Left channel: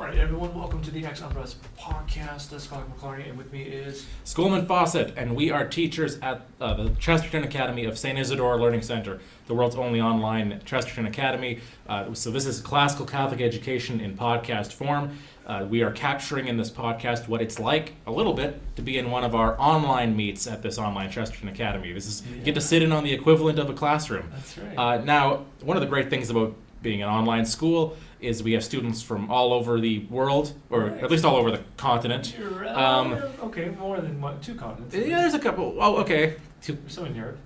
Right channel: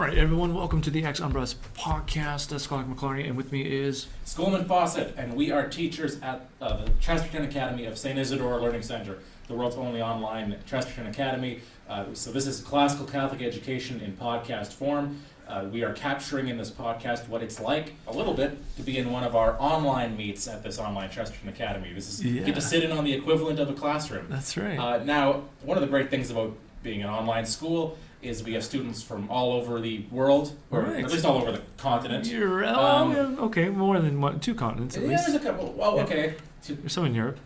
All right, everyone, welcome to the Ex Umbras podcast. That's Gerard McLarney, and with me is Schoolman Fawcett, and we are teachers at the Chesterton Academy of St. Isidore Learning Center, the world's only online Chesterton Academy. So this is classical Catholic education in podcast form. We are capturing in this podcast what it's like, a little bit, to be in one of our online meets at this online Chesterton Academy. This is get to sit in on the equivalent of a classroom. That's right. Now, one of the great things about being an online school is we have students from all over the world, or right. at least all over the continent. You're, okay, more than one, two continents. At Yeah, least. there's a couple. Oh, okay. There's some in Europe.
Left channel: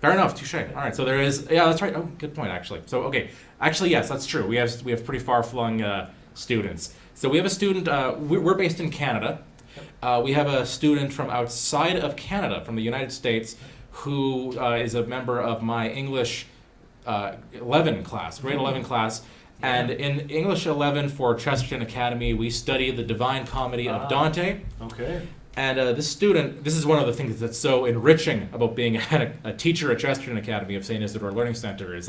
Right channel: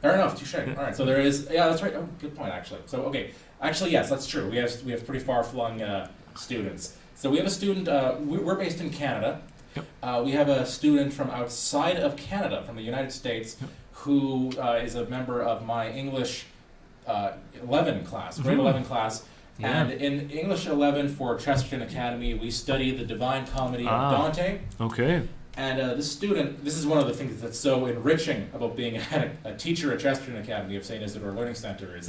Fair enough. Touche. All right. So there is. Yeah, that's right. Oh, good point. Actually. So okay. Actually, yes, that's true. We have pretty far-flung students. So we have a student. We're based in Canada. Yep. We have a student from outside of Canada, from the United States, who is a member of my English 11 class, grade 11 class. Yeah. And in English 11 for Chesterton Academy, we study the Divine Comedy of Dante. Okay. And this student, this is one of the things that's so enriching about being a teacher at Chesterton Academy of St. Isidore Learning Center is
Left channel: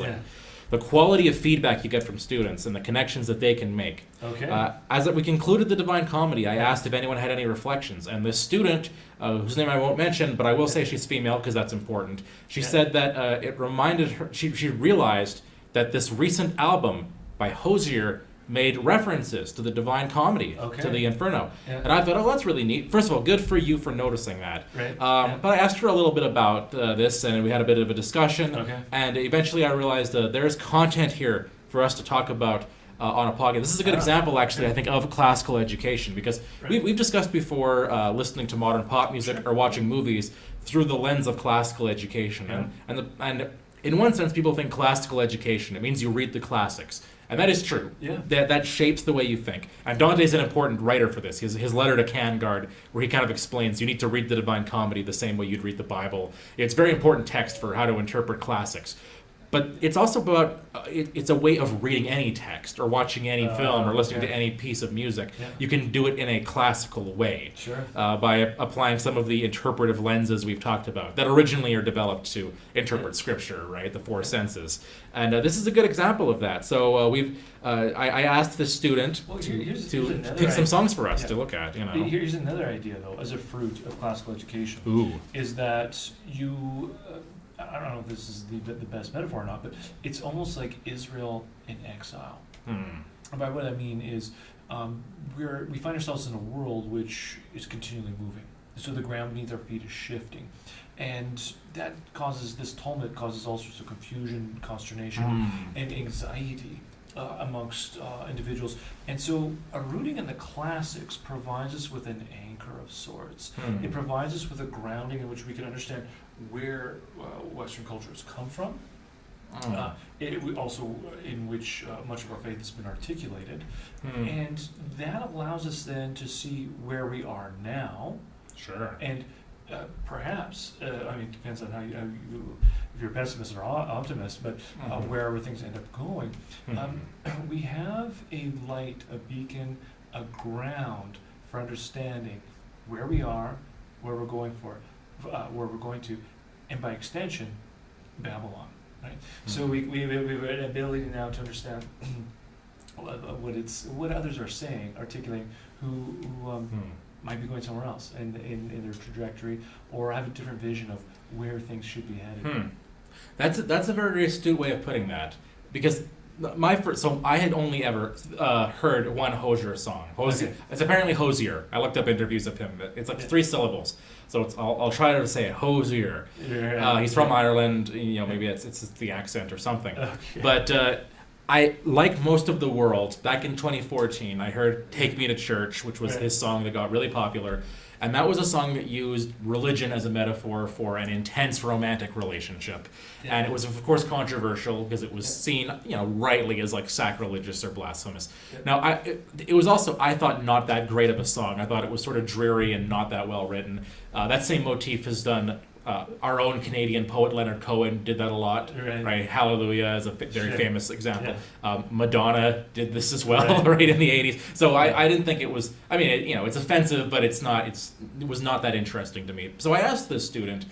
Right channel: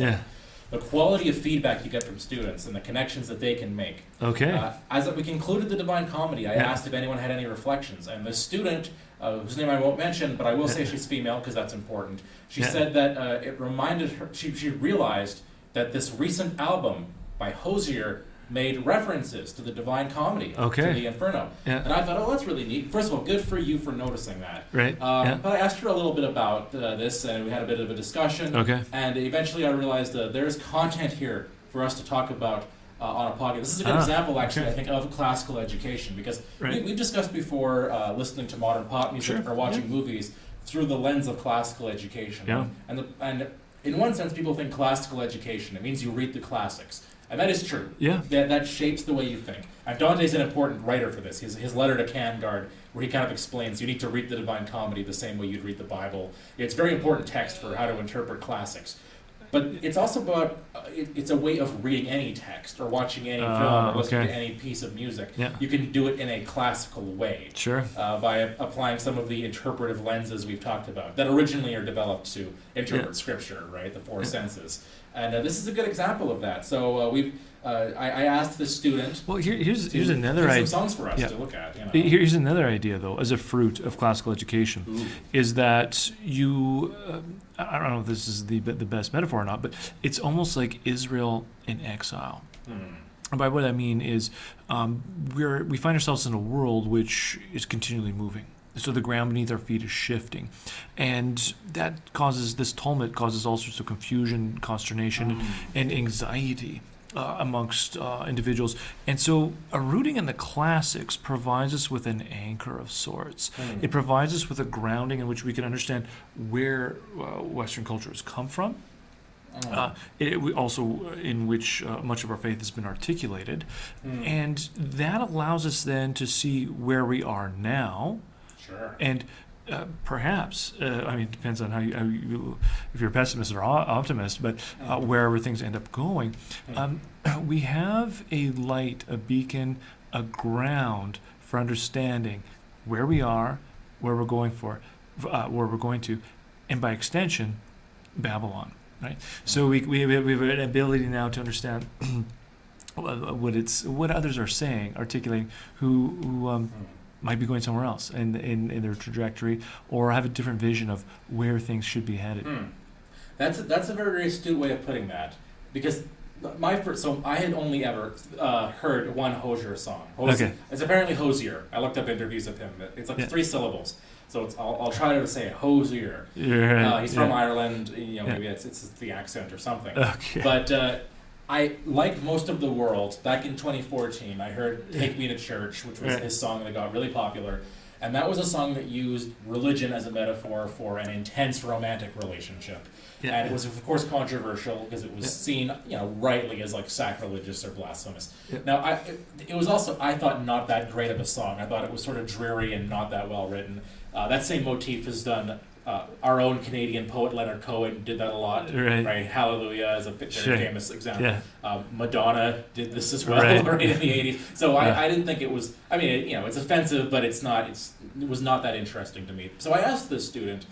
the quality of feedback you get from students and the connections that they can make. Okay. As we concluded the Divine Comedy, I asked if anyone had any reflections. And this student, whose name I won't mention, but I will say she's female because that's important, she said that it reminded her, she realized that this recent album by Hoizer made references to the Divine Comedy, to the Inferno. Yeah. And I thought, oh, that's really neat. First of all, good for you for noticing that. Right. But I asked her a little bit about this, and we had a bit of a discussion. Okay. And eventually I realized there's content here for us to talk about on a podcast. This is a good example, actually, I think, of classical education, because we've discussed before listening to modern pop music or watching movies through the lens of classical education. Yeah. And in one sense, people think classical education, it means you read the classics. And that is true. Yeah. That shapes the way you think. And Dante's an important writer for this. His letter to Cangard, where he kind of explains you need to read the Divine Comedy the same way you'd read the Bible. It's a very important text for how to interpret classics. But it's also about, it's a way of reading any text or watching any film or listening to any piece of music. Yeah. You can do it in a classical way. Sure. By applying some of the interpretive lenses we've talked about that originally are developed to interpret Scripture, right? The four senses. And this is a good example of that. So I asked the student. Well, here's another idea. Some songs for us to look at. You know. Here's another idea, though, as a fruit of classical education. Ooh. Is that you. I don't know if this is the best metaphor or not, but it's almost like Israel in exile. And by what I mean is, we find ourselves in a world which is continually moving. So the ground beneath our feet is shifting, and that causes this tumult causes all sorts of confusion, consternation, and anxiety amongst individuals. And so a rooting in the classics provides us with an anchor of sorts. It provides us with a grounding in which we can understand where Western culture has come from. Also in which much of our faith has been articulated. And that allows us then to see where we are now. Sure. And perhaps, it depends on how you if you're a pessimist or optimist, but wherever things end up going, we have a light, a beacon, a ground for understanding where we are, where we're going to, and by extension, Babylon. Right. So we have an ability now to understand what others are saying, articulating who might be going somewhere else in their trajectory, or have a different vision of where things should be headed. That's a very astute way of putting that, because I had only ever heard one Hoizer song. It's apparently Hoizer. I looked up interviews of him, but it's like 3 syllables. So I'll try to say it, Hoizer. He's from Ireland. Maybe it's the accent or something. Okay. But I, like most of the world, back in 2014, I heard "Take Me to Church," which was his song that got really popular. And that was a song that used religion as a metaphor for an intense romantic relationship. Yeah. And it was, of course, controversial because it was seen, rightly as like sacrilegious or blasphemous. Yeah. Now, it was also, I thought, not that great of a song. I thought it was sort of dreary and not that well written. That same motif is done. Our own Canadian poet Leonard Cohen did that a lot. Right? Hallelujah is a very famous example. Yeah. Madonna did this as well, right in the 80s. So I didn't think it was. It's offensive, but it was not that interesting to me. So I asked the student,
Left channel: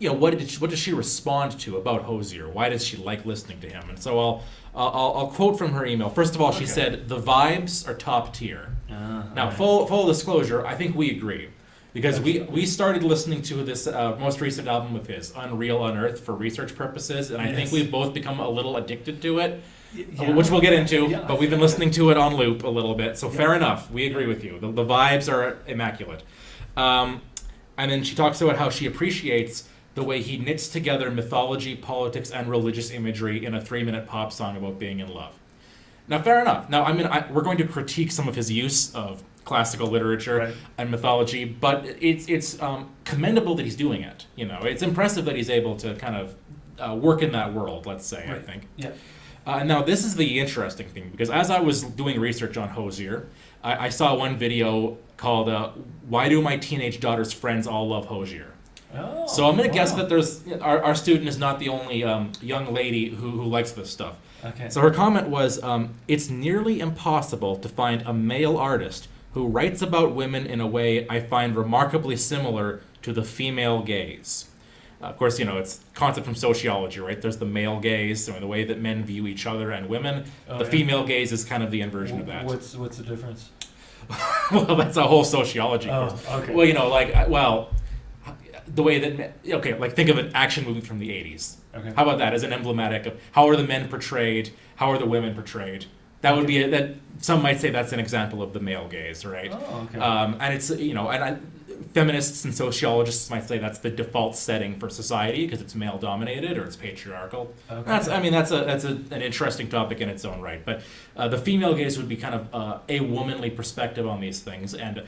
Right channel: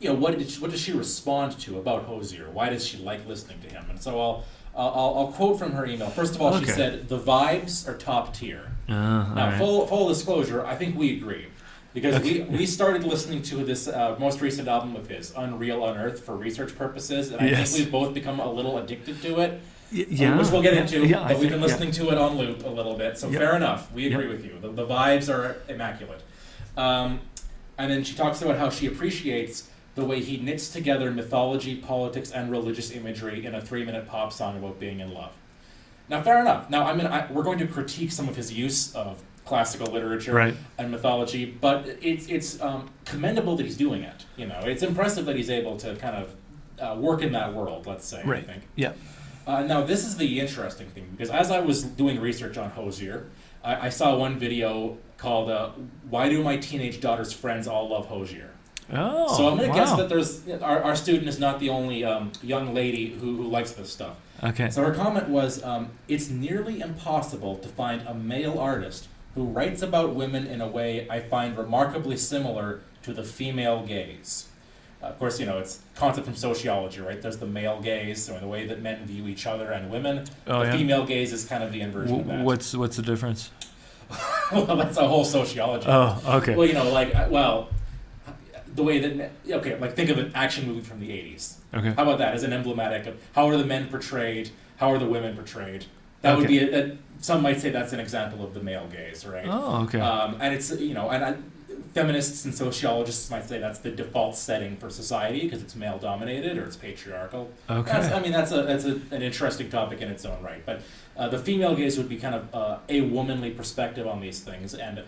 what does she respond to about Hoizer? Why does she like listening to him? And so I'll quote from her email. First of all, she Okay. said, "The vibes are top tier." Now, Alright. full disclosure, I think we agree. Because we started listening to this most recent album of his, Unreal Unearth, for research purposes, and I Yes. think we've both become a little addicted to it, Yeah. which we'll get into, Yeah, I but we've been think- listening to it on loop a little bit, so Yeah. fair enough, we agree Yeah. with you. The vibes are immaculate. And then she talks about how she appreciates the way he knits together mythology, politics, and religious imagery in a 3-minute pop song about being in love. Now, fair enough. Now, we're going to critique some of his use of classical literature Right. and mythology, but it's commendable that he's doing it. You know, it's impressive that he's able to kind of work in that world. Let's say, Right. I think. Yeah. Now, this is the interesting thing, because as I was doing research on Hoizer, I saw one video called "Why Do My Teenage Daughter's Friends All Love Hoizer?" Oh. So I'm going to guess wow. that there's our student is not the only young lady who likes this stuff. Okay. So her comment was, "It's nearly impossible to find a male artist who writes about women in a way I find remarkably similar to the female gaze." Of course, it's a concept from sociology, right? There's the male gaze, so the way that men view each other and women. Oh, The yeah. female gaze is kind of the inversion of that. What's the difference? Well, that's a whole sociology. Oh, okay. Well, the way that think of an action movie from the 80s. Okay. How about that as an emblematic of how are the men portrayed, how are the women portrayed? That would Okay. be that. Some might say that's an example of the male gaze, right? Oh, okay. And it's feminists and sociologists might say that's the default setting for society because it's male dominated or it's patriarchal. Okay. That's an interesting topic in its own right. But the female gaze would be kind of a womanly perspective on these things, and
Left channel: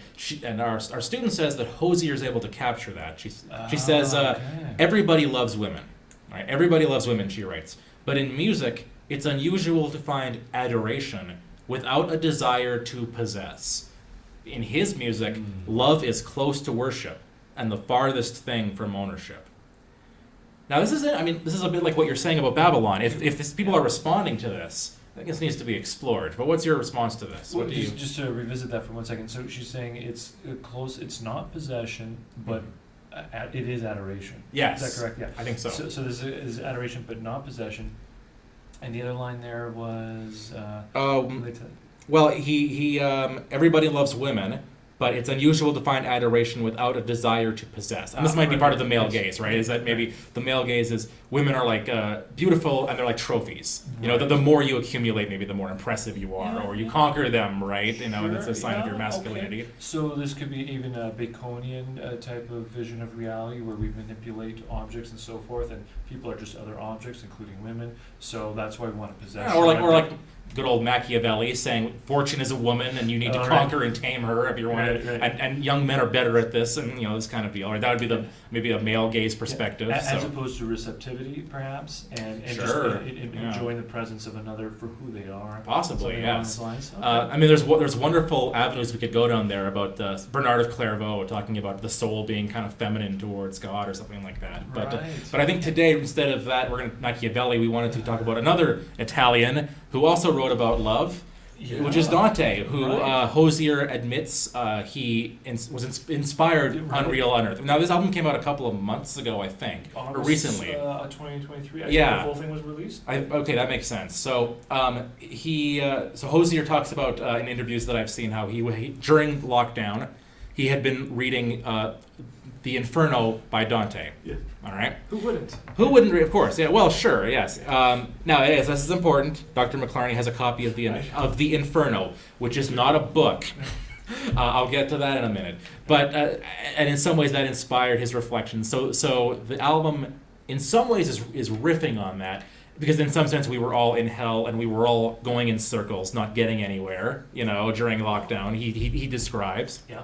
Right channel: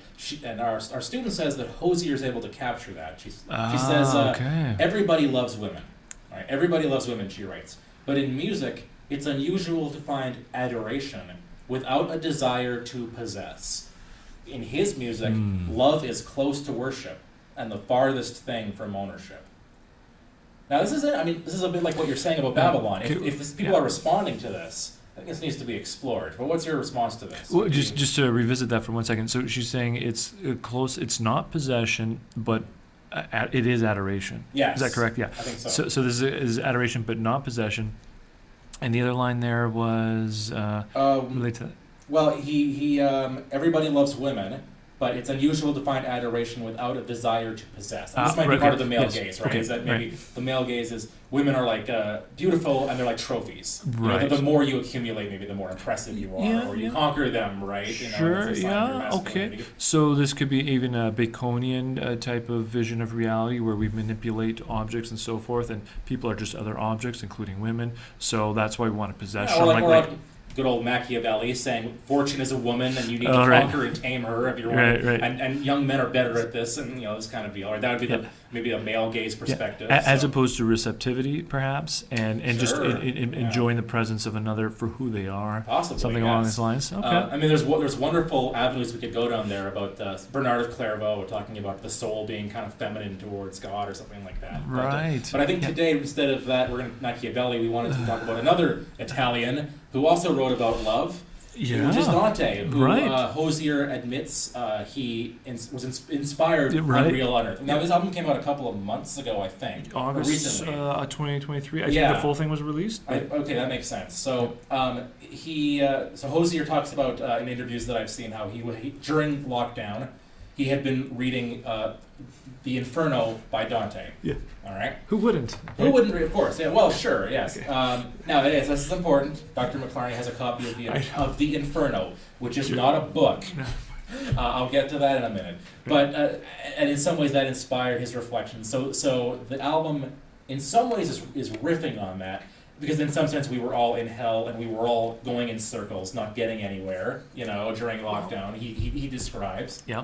our student says that Hoizer is able to capture that. She says okay. everybody loves women, right? Everybody loves women, she writes. But in music, it's unusual to find adoration without a desire to possess. In his music, love is close to worship and the farthest thing from ownership. Now, this is a bit like what you're saying about Babylon. If people are responding to this, I think this needs to be explored. But what's your response to this? Well, just to revisit that for 1 second. So she's saying it's close. It's not possession, but it is adoration. Yes. Is that correct? Yeah. I think so. So this is adoration, but not possession. And the other line there was related to that. Well, he everybody loves women, but it's unusual to find adoration without a desire to possess. And this might be right, part of the right. male Yes. gaze, right? Okay, Is that maybe right. the male gaze is women are like beautiful and they're like trophies. Right. The more you accumulate, maybe the more impressive you are, Yeah, or you yeah. conquer them, right? Sure, It's a sign of your yeah, masculinity. okay. So this could be even a Baconian type of vision of reality where we manipulate objects and so forth, and people are just other objects, including women. So that's why we want to possess. Yeah, or like good old Machiavelli saying fortune is a woman and you need to right. conquer and tame her if you're one. Right. And young men are better at this, and this kind of deal. Or that would be maybe a male gaze perspective. As so. opposed to receptivity, perhaps, and just Sure, enjoying the presence of another for who they are. Possibly, Something along these lines. Okay. There's wonderful avenues we could go down there about Bernard of Clairvaux talking about the soul being kind of feminine towards God or something like that. Right. But I think today, instead of that, we're going to Machiavelli. We wanted to talk about another Italian who also wrote about love. Yeah. Which is Dante, who Right. Hoizer admits he was inspired Right. Unreal Unearth. Now, this album came out a couple of months ago, I think, or August recently. 2023. I Yeah. think the full thing was released. Okay, that makes sense. So Hoizer talks about in interviews that I've seen how he during lockdown he had been reading the Inferno by Dante. Yeah. All right. Who wouldn't? Who wouldn't read? Of course. Yeah. Well, sure. Yes. Now it is. This is important. Dr. McLarney has a copy of the Inferno, which is not a book. I'll get to that in a minute. But and in some ways that inspired his reflections. So the album, in some ways, is riffing on that. Because in some sense we were all in hell and we were all going in circles, not getting anywhere. During lockdown, he describes. Yeah.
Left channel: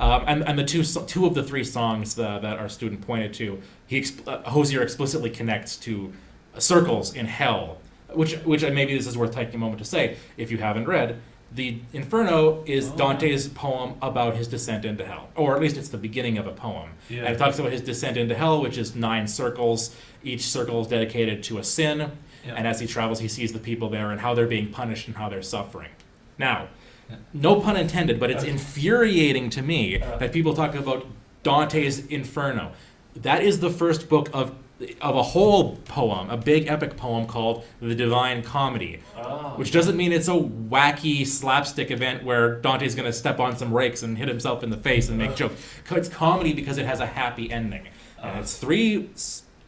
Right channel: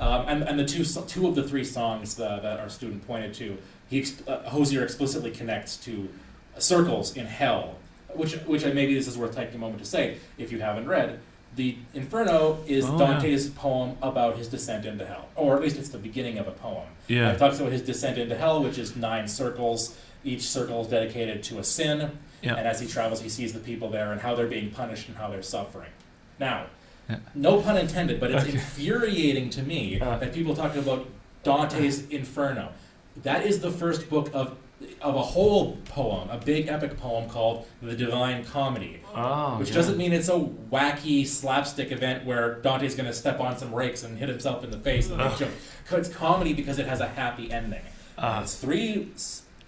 And the two of the three songs that our student pointed to, Hoizer explicitly connects to circles in hell, which maybe this is worth taking a moment to say if you haven't read. The Inferno is Dante's poem about his descent into hell, or at least it's the beginning of a poem. Yeah. It talks about his descent into hell, which is 9 circles. Each circle is dedicated to a sin, Yeah. and as he travels, he sees the people there and how they're being punished and how they're suffering. Now, Yeah. no pun intended, but it's Okay. infuriating to me that people talk about Dante's Inferno. That is the first book of of a whole poem, a big epic poem called The Divine Comedy, which doesn't mean it's a wacky slapstick event where Dante's going to step on some rakes and hit himself in the face and make jokes. It's comedy because it has a happy ending. It's 3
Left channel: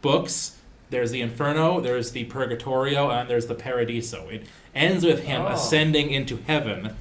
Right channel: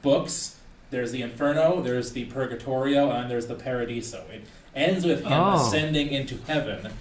books. There's the Inferno, there's the Purgatorio, and there's the Paradiso. It ends with him ascending into heaven.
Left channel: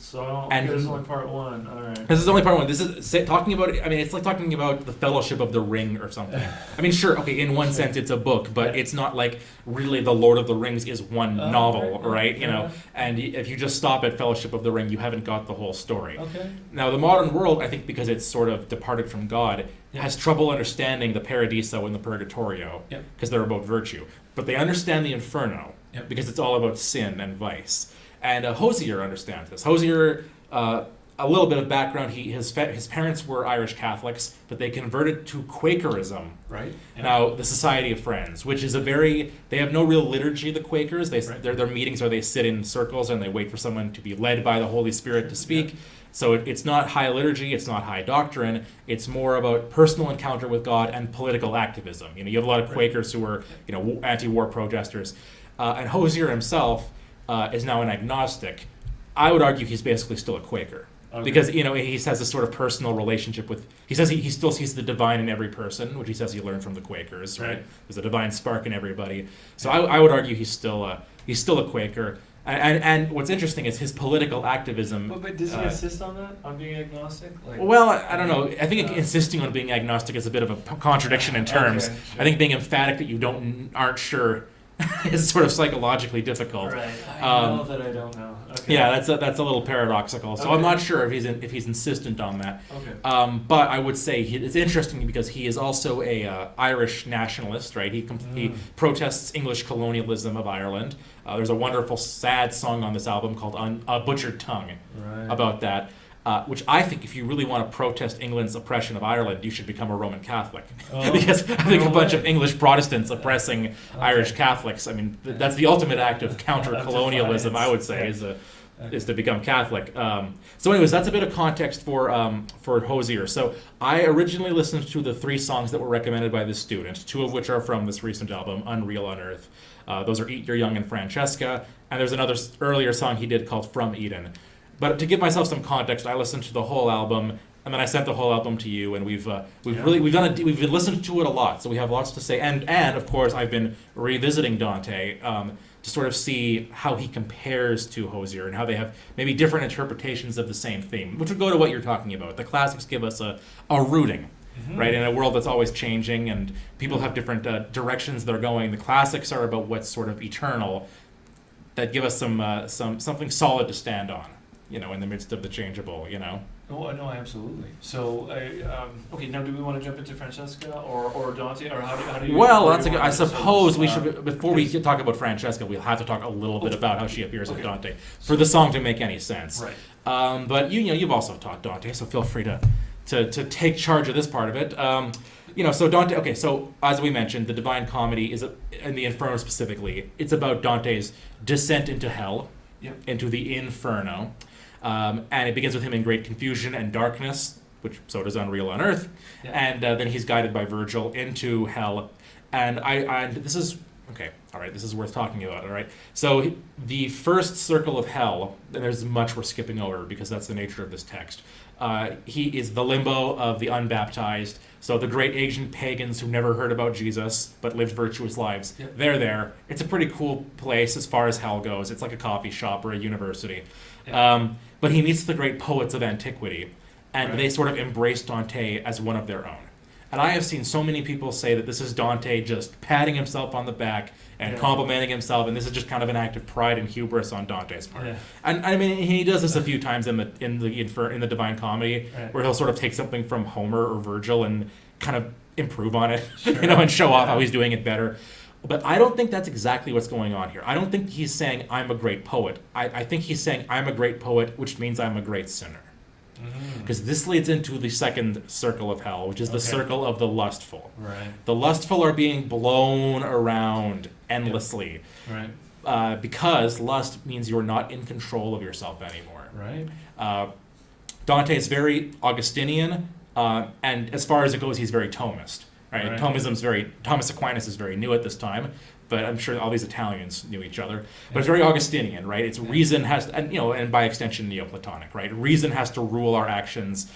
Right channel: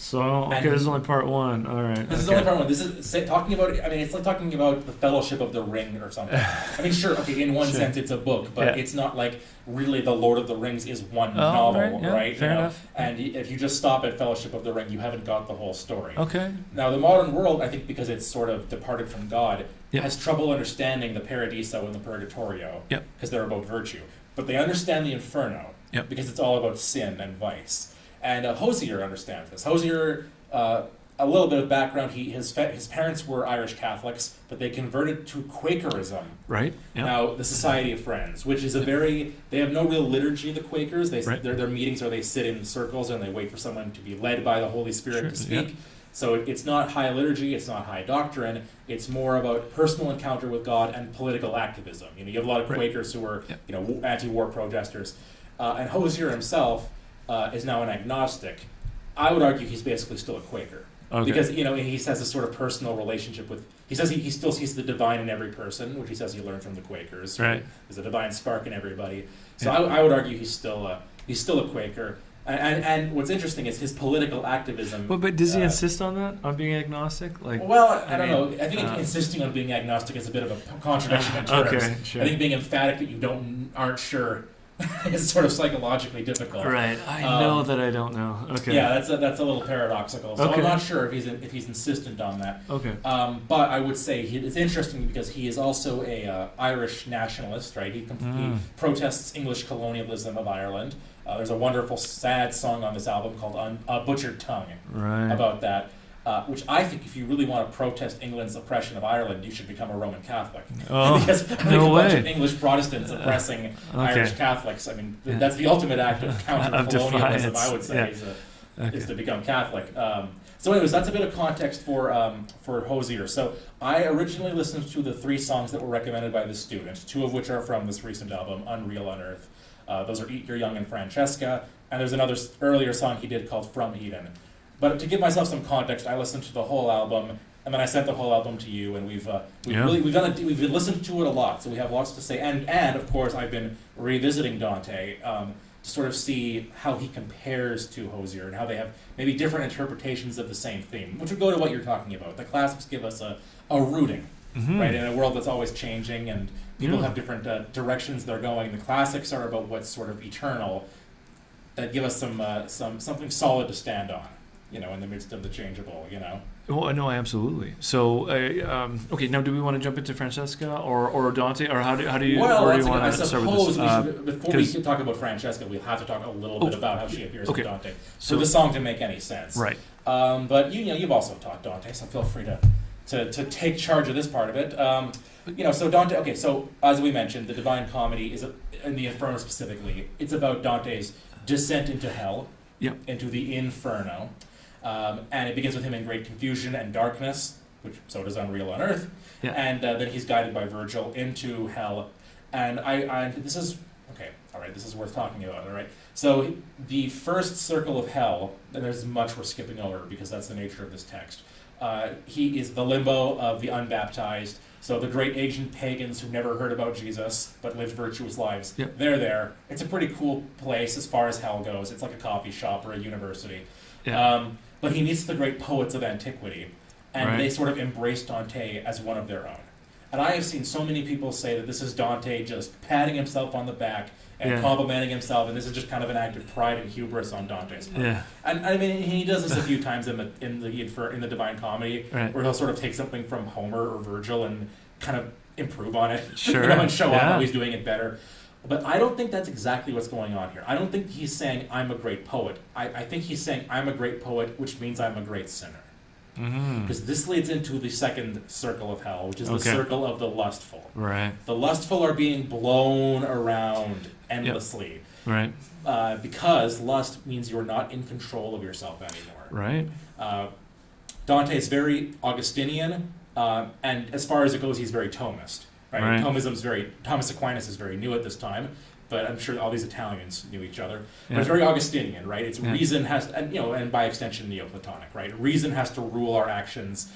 So, this is only part 1. All right. This is only part 1. This is talking about, I mean, it's like talking about the Fellowship of the Ring or something. I mean, sure, okay, in one sense it's a book, but it's not like really the Lord of the Rings is one novel, right? You know, enough. and if you just stop at Fellowship of the Ring, you haven't got the whole story. Okay. Now, the modern world, I think because it's sort of departed from God, has trouble understanding the Paradiso and the Purgatorio, because they're about virtue. But they understand the Inferno, because it's all about sin and vice. And Hoizer understands this. Hoizer, a little bit of background, his parents were Irish Catholics, but they converted to Quakerism. Right. Yep. Now, the Society of Friends, which is they have no real liturgy, the Quakers. Their meetings are they sit in circles and they wait for someone to be led by the Holy Spirit to speak. Yep. So it's not high liturgy, it's not high doctrine, it's more about personal encounter with God and political activism. You know, you have a lot of Quakers who are, anti-war protesters. And Hoizer himself is now an agnostic. I would argue he's basically still a Quaker. Okay. Because, he has this sort of personal relationship with, he says he still sees the divine in every person, which he says he learned from the Quakers. Right. There's a divine spark in everybody. So I would argue he's still a Quaker. And what's interesting is his political activism. But does he insist on that, on being agnostic? Well, I don't know. I think insisting on being agnostic is a bit of a contradiction in terms. Okay, sure. I think being emphatic that you aren't sure is sort of psychologically difficult. Right. I know that I don't know. Okay. Yeah, that's a little paradoxical. So I'm not sure if he's insistent on that. Okay. But I would say it's interesting because he is also a Irish nationalist, right? He protests English colonialism of Ireland. There's a wonderful, sad song on this album called A Butchered Tongue about that, which I think if you really want to protest England's oppression of Ireland, you should become a Roman Catholic. Because I think a bunch of English Protestants oppressing Irish Catholics, I mean, that's the ultimate act of counter-colonialism, I would say, is to become Catholic. So anyways, that's a bit of context for Hoizer. So I originally listened to the 3 songs that were recommended by this student, 2 of which are from this recent album, Unreal Unearth. Those are Eat Your Young and Francesca, and there's another earlier song he did called From Eden. But to give myself some context, I listened to the whole album, and then I sent the whole album to you, and we've listened to it a lot, so we have lots to say. And of course, I've been revisiting Dante to sort of see how he compares to Hoizer and how they have maybe different interpretations of the same theme, which would go to what you're talking about. The classics give us a rooting, right, in a world that's always changing and people have different directions they're going. The classics are about what's sort of eternal, that give us something solid to stand on, in the midst of the changeable, Oh, no, absolutely. So, okay, now do we want to jump into Francesca or Dante, or how do you? Well, I suppose we should, before we talk about Francesca, we'll have to talk a little bit about how she appears in Dante for the song to make any sense. Right. But you've also taught Dante, so feel free to take charge of this part of it. So Dante, okay, so as we mentioned, the Divine Comedy is, in the Inferno specifically, it's about Dante's descent into hell, into the Inferno. And it begins with him in great confusion and darkness, which so does Unreal Unearth. And then he's guided by Virgil into hell. And this is, okay, all right, this is worth talking about, all right? So the first circle of hell, and there's much we're skipping over because that's the nature of this text. He is the limbo of the unbaptized. So the great ancient pagans who never heard about Jesus but lived virtuous lives, they're there. It's a pretty cool place as far as hell goes. It's like a coffee shop or a university. But he meets the great poets of antiquity, and they sort of embrace Dante as one of their own. And I have seen so many people say that this is Dante just patting himself on the back and complimenting himself, and this is just kind of an act of pride and hubris on Dante's part. And I mean, he does this a few times in the Divine Comedy, where he'll sort of take something from Homer or Virgil and kind of improve on it, and show off how he's doing it better. But I don't think that's exactly what's going on here. I don't think he's saying, I'm a great poet. I think he's saying, I'm a great poet, which means I'm a great sinner. Because this leads into the second circle of hell, which is the circle of the lustful. Right. The lustful are being blown around endlessly. Right. Because lust means you're not in control of yourself anymore. Right. Dante is very Augustinian, and as far as it goes, he's very Thomist. Right? Thomas Aquinas is very new at this time, but I'm sure all these Italians knew each other. But it's very Augustinian, right? It's reason has, and by extension Neoplatonic, right? Reason has to rule our actions.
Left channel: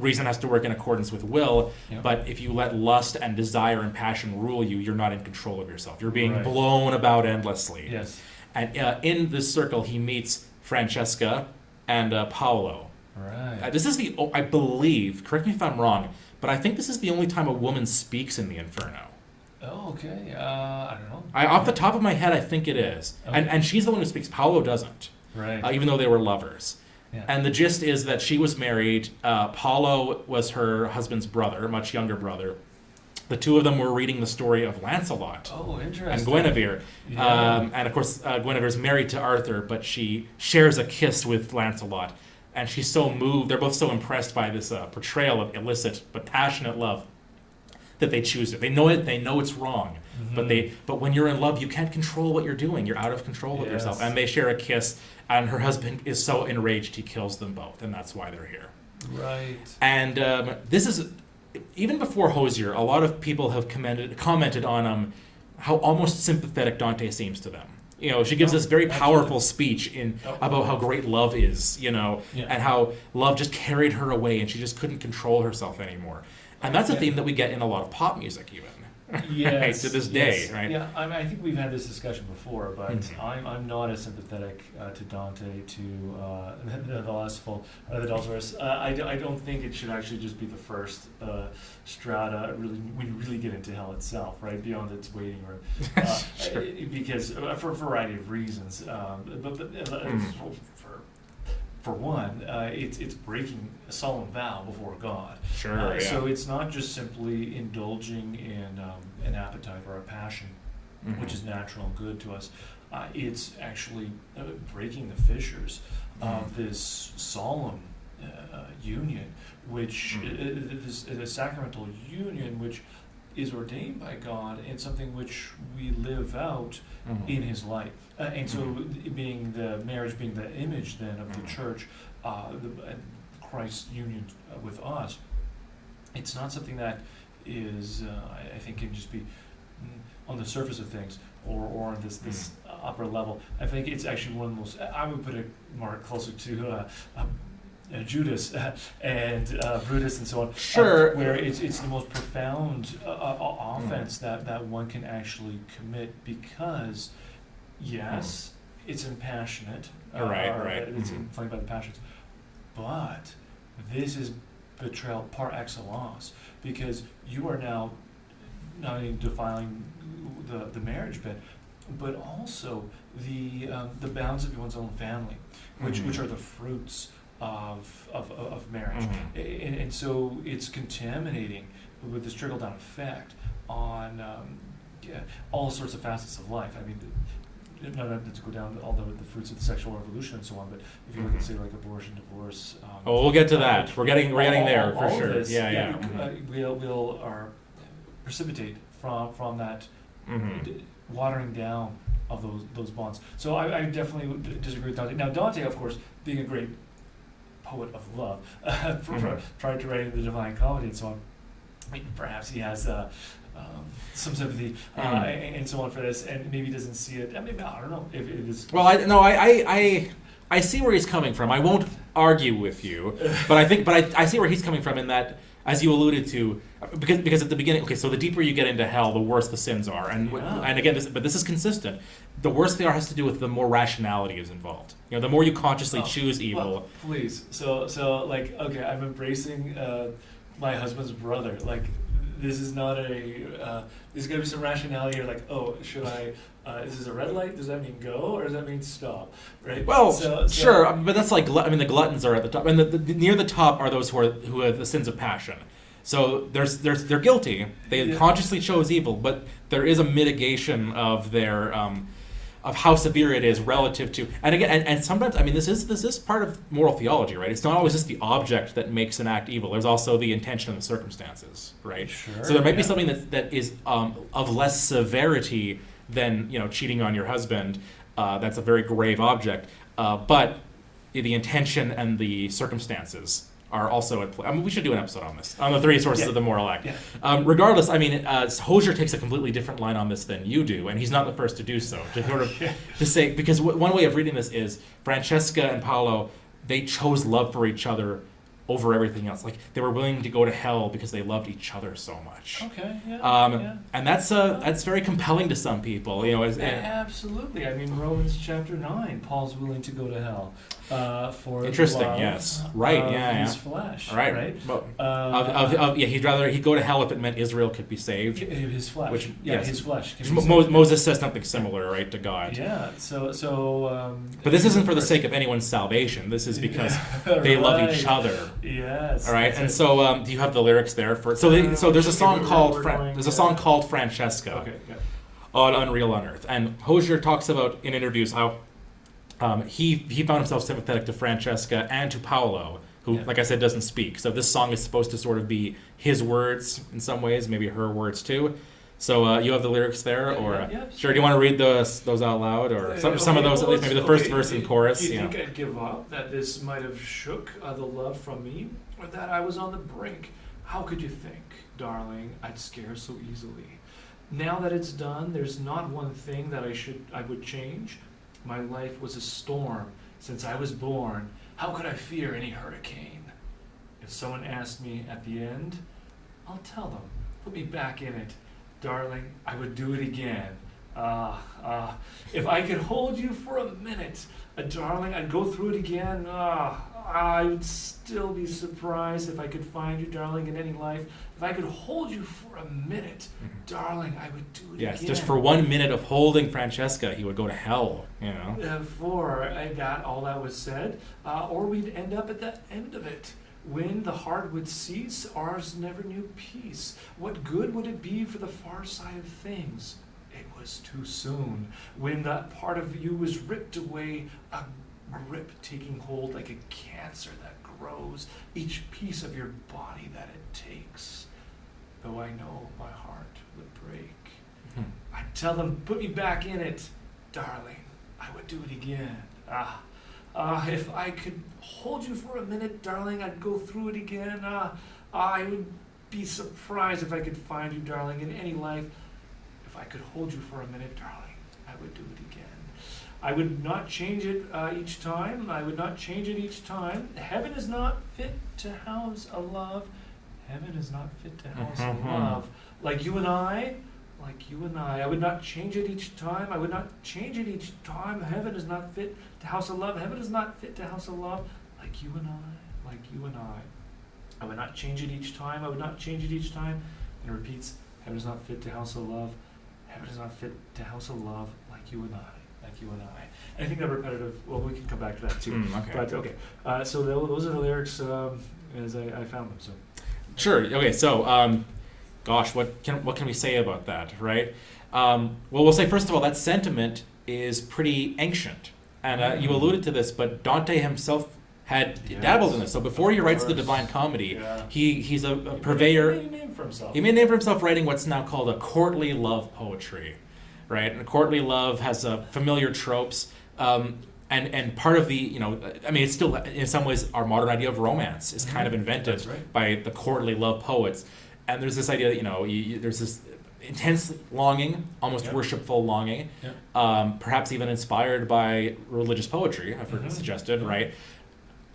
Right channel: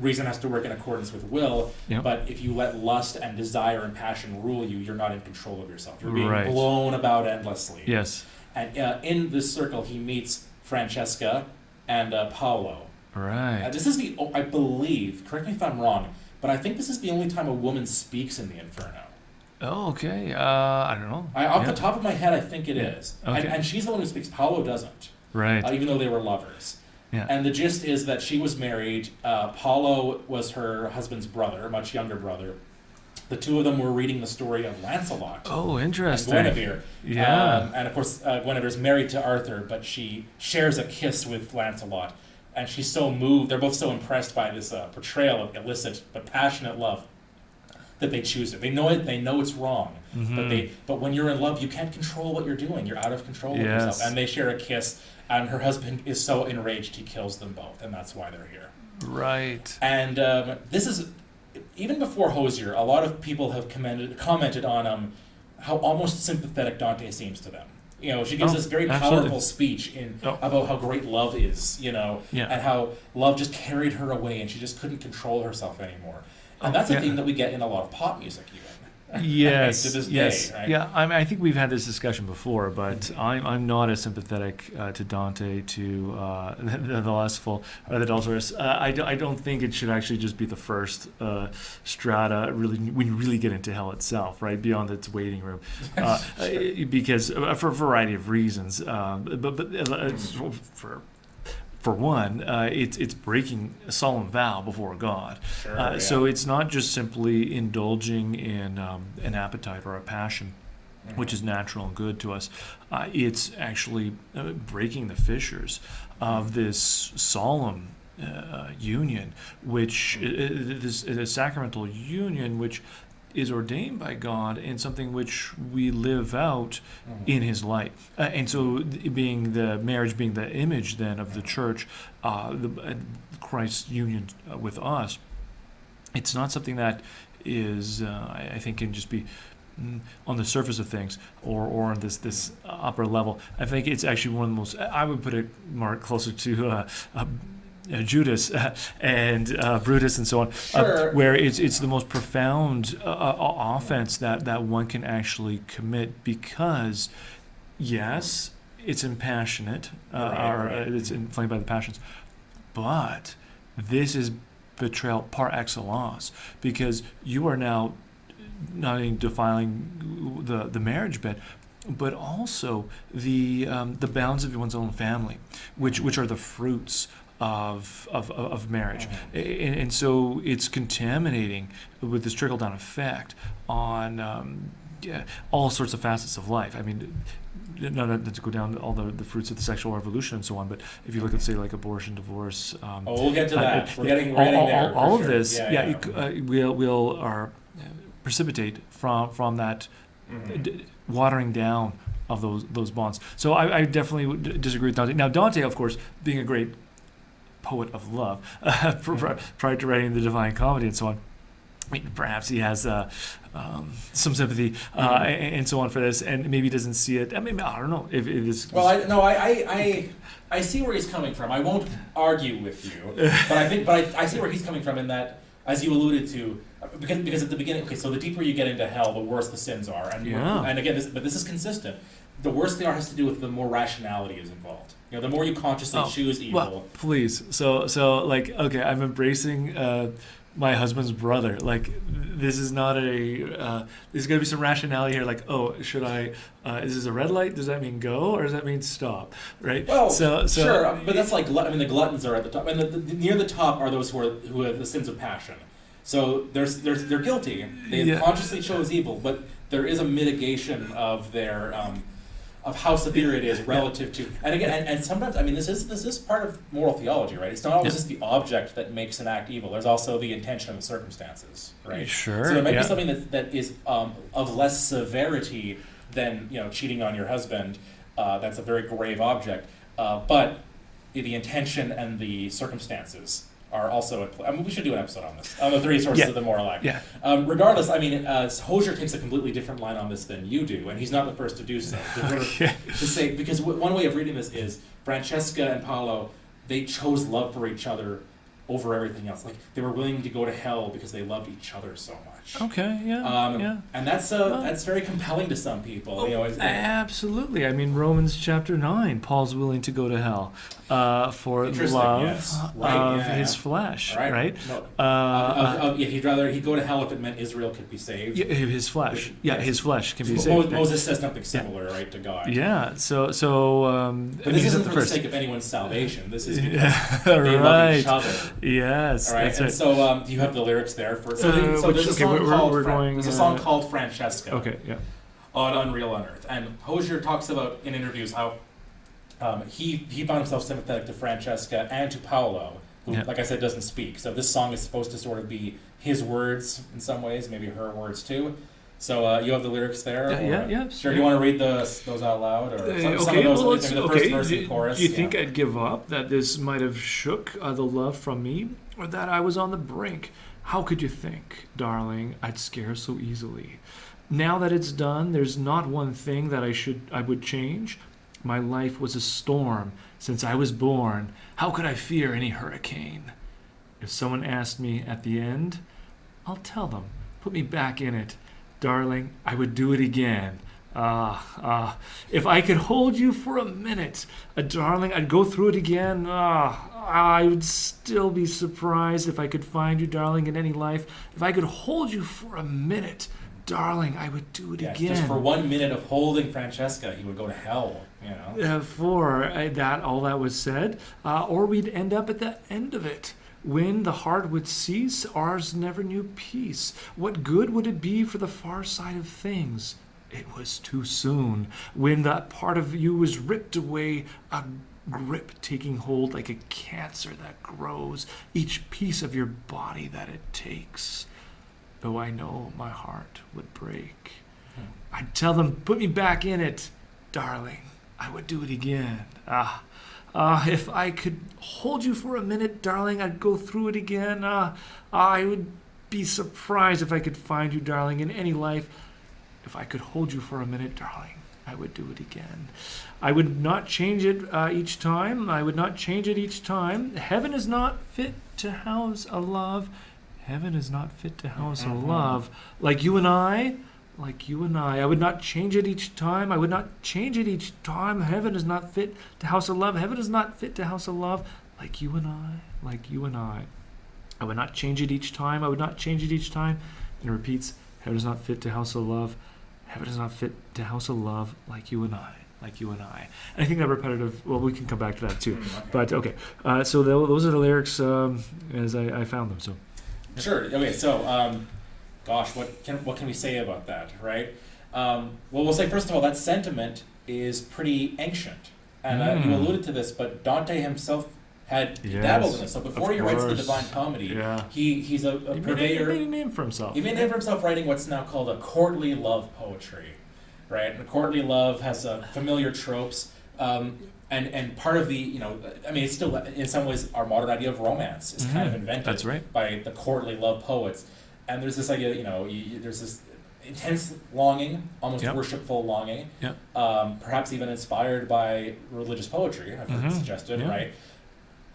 Reason has to work in accordance with will. But if you let lust and desire and passion rule you, you're not in control of yourself. You're being blown about endlessly. Yes. And in this circle, he meets Francesca and Paolo. Right. This is I believe, correct me if I'm wrong, but I think this is the only time a woman speaks in the Inferno. Oh, okay. I don't know. Off the top of my head, I think it is. Okay. And she's the one who speaks. Paolo doesn't. Right. Even though they were lovers. Yeah. And the gist is that she was married. Paolo was her husband's brother, much younger brother. The two of them were reading the story of Lancelot. Oh, interesting. And Guinevere. Yeah. And of course, Guinevere's married to Arthur, but she shares a kiss with Lancelot. And she's so moved, they're both so impressed by this portrayal of illicit but passionate love that they choose it. They know it's wrong. Mm-hmm. But when you're in love, you can't control what you're doing. You're out of control of yourself. And they share a kiss, and her husband is so enraged he kills them both, and that's why they're here. Right. And this is, even before Hoizer, a lot of people have commented on how almost sympathetic Dante seems to them. She gives this very powerful speech about how great love is, and how love just carried her away and she just couldn't control herself anymore. And that's a theme that we get in a lot of pop music, even. Yes. To this day, right? Yeah, I think we've had this discussion before, but I'm not as sympathetic to Dante, to the lustful, or the adulterous. I don't think it should actually just be the first strata, really, when you really get into hell itself, right, beyond its waiting room, because for a variety of reasons, for one, it's breaking a solemn vow before God. Sure, So it's not just simply indulging in an appetite or a passion, which is natural and good to us. It's actually breaking the fissures of this solemn union, which is a sacramental union, which is ordained by God and something which we live out in His light. And so being the marriage being the image then of the church, Christ's union with us, it's not something that is, I think, can just be on the surface of things or on this upper level. I think it's actually one of the most, I would put it more closer to Judas and Brutus and so on, where it's the most profound offense that one can actually commit, because yes, it's impassionate, it's inflamed by the passions, but this is betrayal par excellence, because you are now not only defiling the marriage bed, but also the bounds of one's own family, which are the fruits of marriage, and so it's contaminating with this trickle down effect on all sorts of facets of life. I mean, not to go down all the fruits of the sexual revolution and so on, but if you look at, say, like abortion, divorce. We'll get to that. We're getting there. All sure. of this, will precipitate from that watering down of those bonds. So I definitely would disagree with Dante. Now, Dante, of course, being a great poet of love, prior to writing the Divine Comedy and so on, perhaps he has some sympathy and so on for this, and maybe doesn't see it. I mean, I don't know if it is. Well, I see where he's coming from. I won't argue with you, but I see where he's coming from in that, as you alluded to, because at the beginning, okay, so the deeper you get into hell, the worse the sins are, and again, this is consistent. The worse they are has to do with the more rationality is involved. The more you consciously choose evil. Well, please. So like, okay, I'm embracing my husband's brother. Like, this is not there's going to be some rationality here. Like, oh, should I? Is this a red light? Does that mean go, or does that mean stop? Right. Well, so sure, but that's like, the gluttons are at the top, and the near the top are those who have the sins of passion. So they're guilty. They consciously chose evil, but there is a mitigation of their of how severe it is relative to, and again, and sometimes, I mean, this is part of moral theology, right? It's not always just the object that makes an act evil. There's also the intention and the circumstances, right? Sure. So there might be something that is of less severity than cheating on your husband. That's a very grave object, but the intention and the circumstances are also at play. I mean, we should do an episode on this, on the three sources of the moral act. Yeah. Regardless, I mean, Hoizer takes a completely different line on this than you do, and he's not the first to do so. To say, because one way of reading this is Francesca and Paolo, they chose love for each other over everything else. Like, they were willing to go to hell because they loved each other so much. Okay, yeah. And that's very compelling to some people. You know, absolutely. I mean, Romans chapter 9, Paul's willing to go to hell for love yes. Right, of his flesh, right? Well, he'd go to hell if it meant Israel could be saved. Yeah, his flesh. His flesh can be saved. Moses says something similar, right, to God. Yeah, so but this isn't for the sake of anyone's salvation. This is because they love each other. Yes. All right, and so do you have the lyrics there for? So there's a song called Francesca. Okay, yeah. On Unreal Unearth, and Hoizer talks about in interviews how he found himself sympathetic to Francesca and to Paolo, who, like I said, doesn't speak. So this song is supposed to sort of be his words in some ways, maybe her words too. So you have the lyrics there, yeah. Sure. Do you want to read those out loud, or some of those? Well, maybe the first verse and chorus. Do you think I'd give up? That this might have shook the love from me, or that I was on the brink? How could you think, darling, I'd scare so easily? Now that it's done, there's not one thing that I would change. My life was a storm since I was born. How could I fear any hurricane? If someone asked me at the end, I'll tell them, put me back in it. Darling, I would do it again. If I could hold you for a minute, darling, I'd go through it again. I would still be surprised if I could find you, darling, in any life. If I could hold you for a minute, darling, I would do it again. Just for 1 minute of holding Francesca, he would go to hell, you know. For all that was said, or we'd end up at the end of it. When the heart would cease, ours never knew peace. What good would it be for the far side of things? It was too soon. When that part of you was ripped away, a grip taking hold like a cancer that grows, each piece of your body that it takes. Though I know my heart would break. I'd tell them, put me back in it, darling. I would do it again. If I could hold you for a minute, darling, I'd go through it again. I would be surprised if I could find you, darling, in any life. If I could hold you for a minute, darling, I would do it again. I would not change it each time. I would not change it each time. Heaven is not fit to house a love. Heaven is not fit to house a love. Like you and I. I would not change it each time. I would not change it each time. Heaven is not fit to house a love. Heaven is not fit to house a love. Like you and I. I would not change it each time. I would not change it each time. And it repeats, heaven is not fit to house a love. Heaven is not fit to house a love like you and I. And I think that repetitive, well, we can come back to that too. Okay. But okay, so those are the lyrics as I found them. So. Sure. Okay. So, gosh, what can we say about that, right? Well, we'll say first of all that sentiment is pretty ancient, and you alluded to this, but Dante himself had dabbled in this. So before he writes the Divine Comedy, he's a purveyor. He made a name for himself. He made a name for himself writing what's now called a courtly love poetry, right? And courtly love has familiar tropes. And part of the, I mean, it's still, in some ways, our modern idea of romance is kind of invented by the courtly love poets. And there's this idea that, there's this intense longing, almost worshipful longing, perhaps even inspired by religious poetry, I've heard it suggested, right?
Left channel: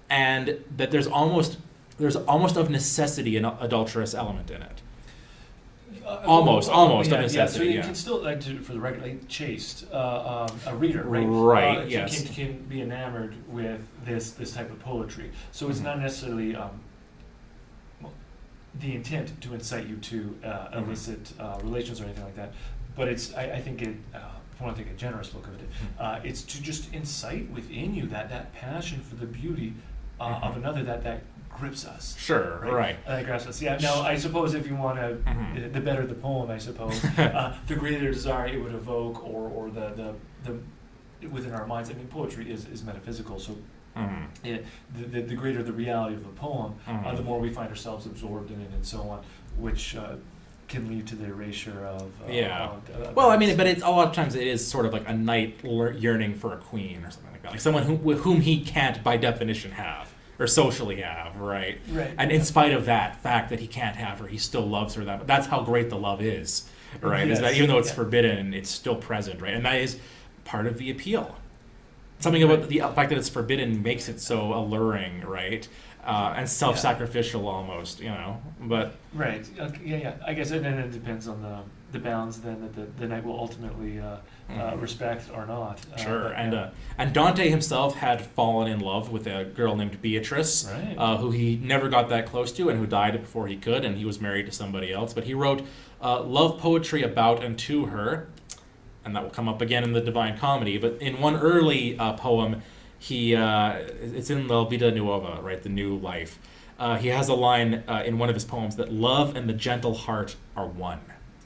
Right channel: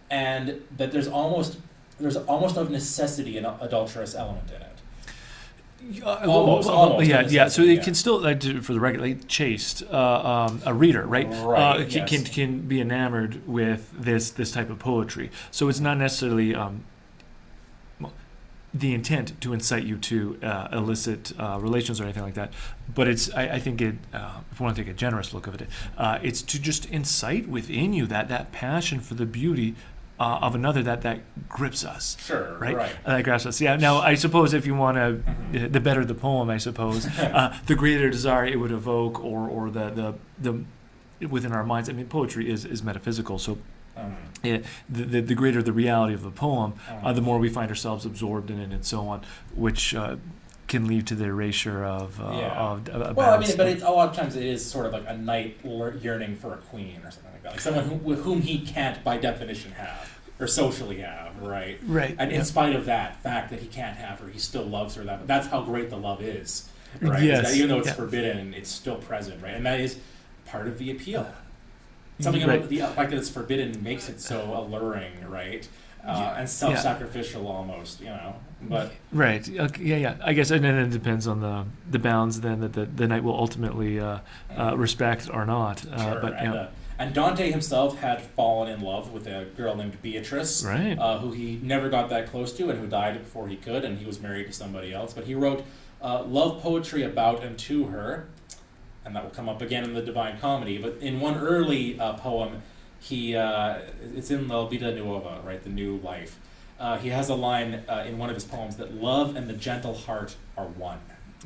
And that there's almost of necessity an adulterous element in it. Almost. So it can still, for the record, chaste, a reader, right? Right. Can be enamored with this type of poetry. So it's not necessarily the intent to incite you to illicit relations or anything like that, but it's I think it. If you want to take a generous look of it, it's to just incite within you that passion for the beauty of another that grips us. Sure, right. That grasps us. Yeah. Now, I suppose if you want to, the better the poem, I suppose, the greater desire it would evoke, or the within our minds. I mean, poetry is metaphysical, so the greater the reality of the poem, the more we find ourselves absorbed in it, and so on, which can lead to the erasure of. Well, I mean, but it's a lot of times it is sort of like a knight yearning for a queen or something like that, like someone whom he can't by definition have. or socially have, right? Right. And in spite of that fact that he can't have her, he still loves her. That's how great the love is, right? Is that even though it's forbidden, it's still present, right? And that is part of the appeal. Something about the fact that it's forbidden makes it so alluring, right? And self-sacrificial almost, but right, okay, I guess, and then it depends on the bounds then that the knight will ultimately respect or not. Sure, but, and Dante himself had fallen in love with a girl named Beatrice, right. Who he never got that close to and who died before he could, and he was married to somebody else. But he wrote love poetry about and to her, and that will come up again in the Divine Comedy. But in one early poem, it's in La Vida Nuova, right, the new life. He has a line in one of his poems that love and the gentle heart are one.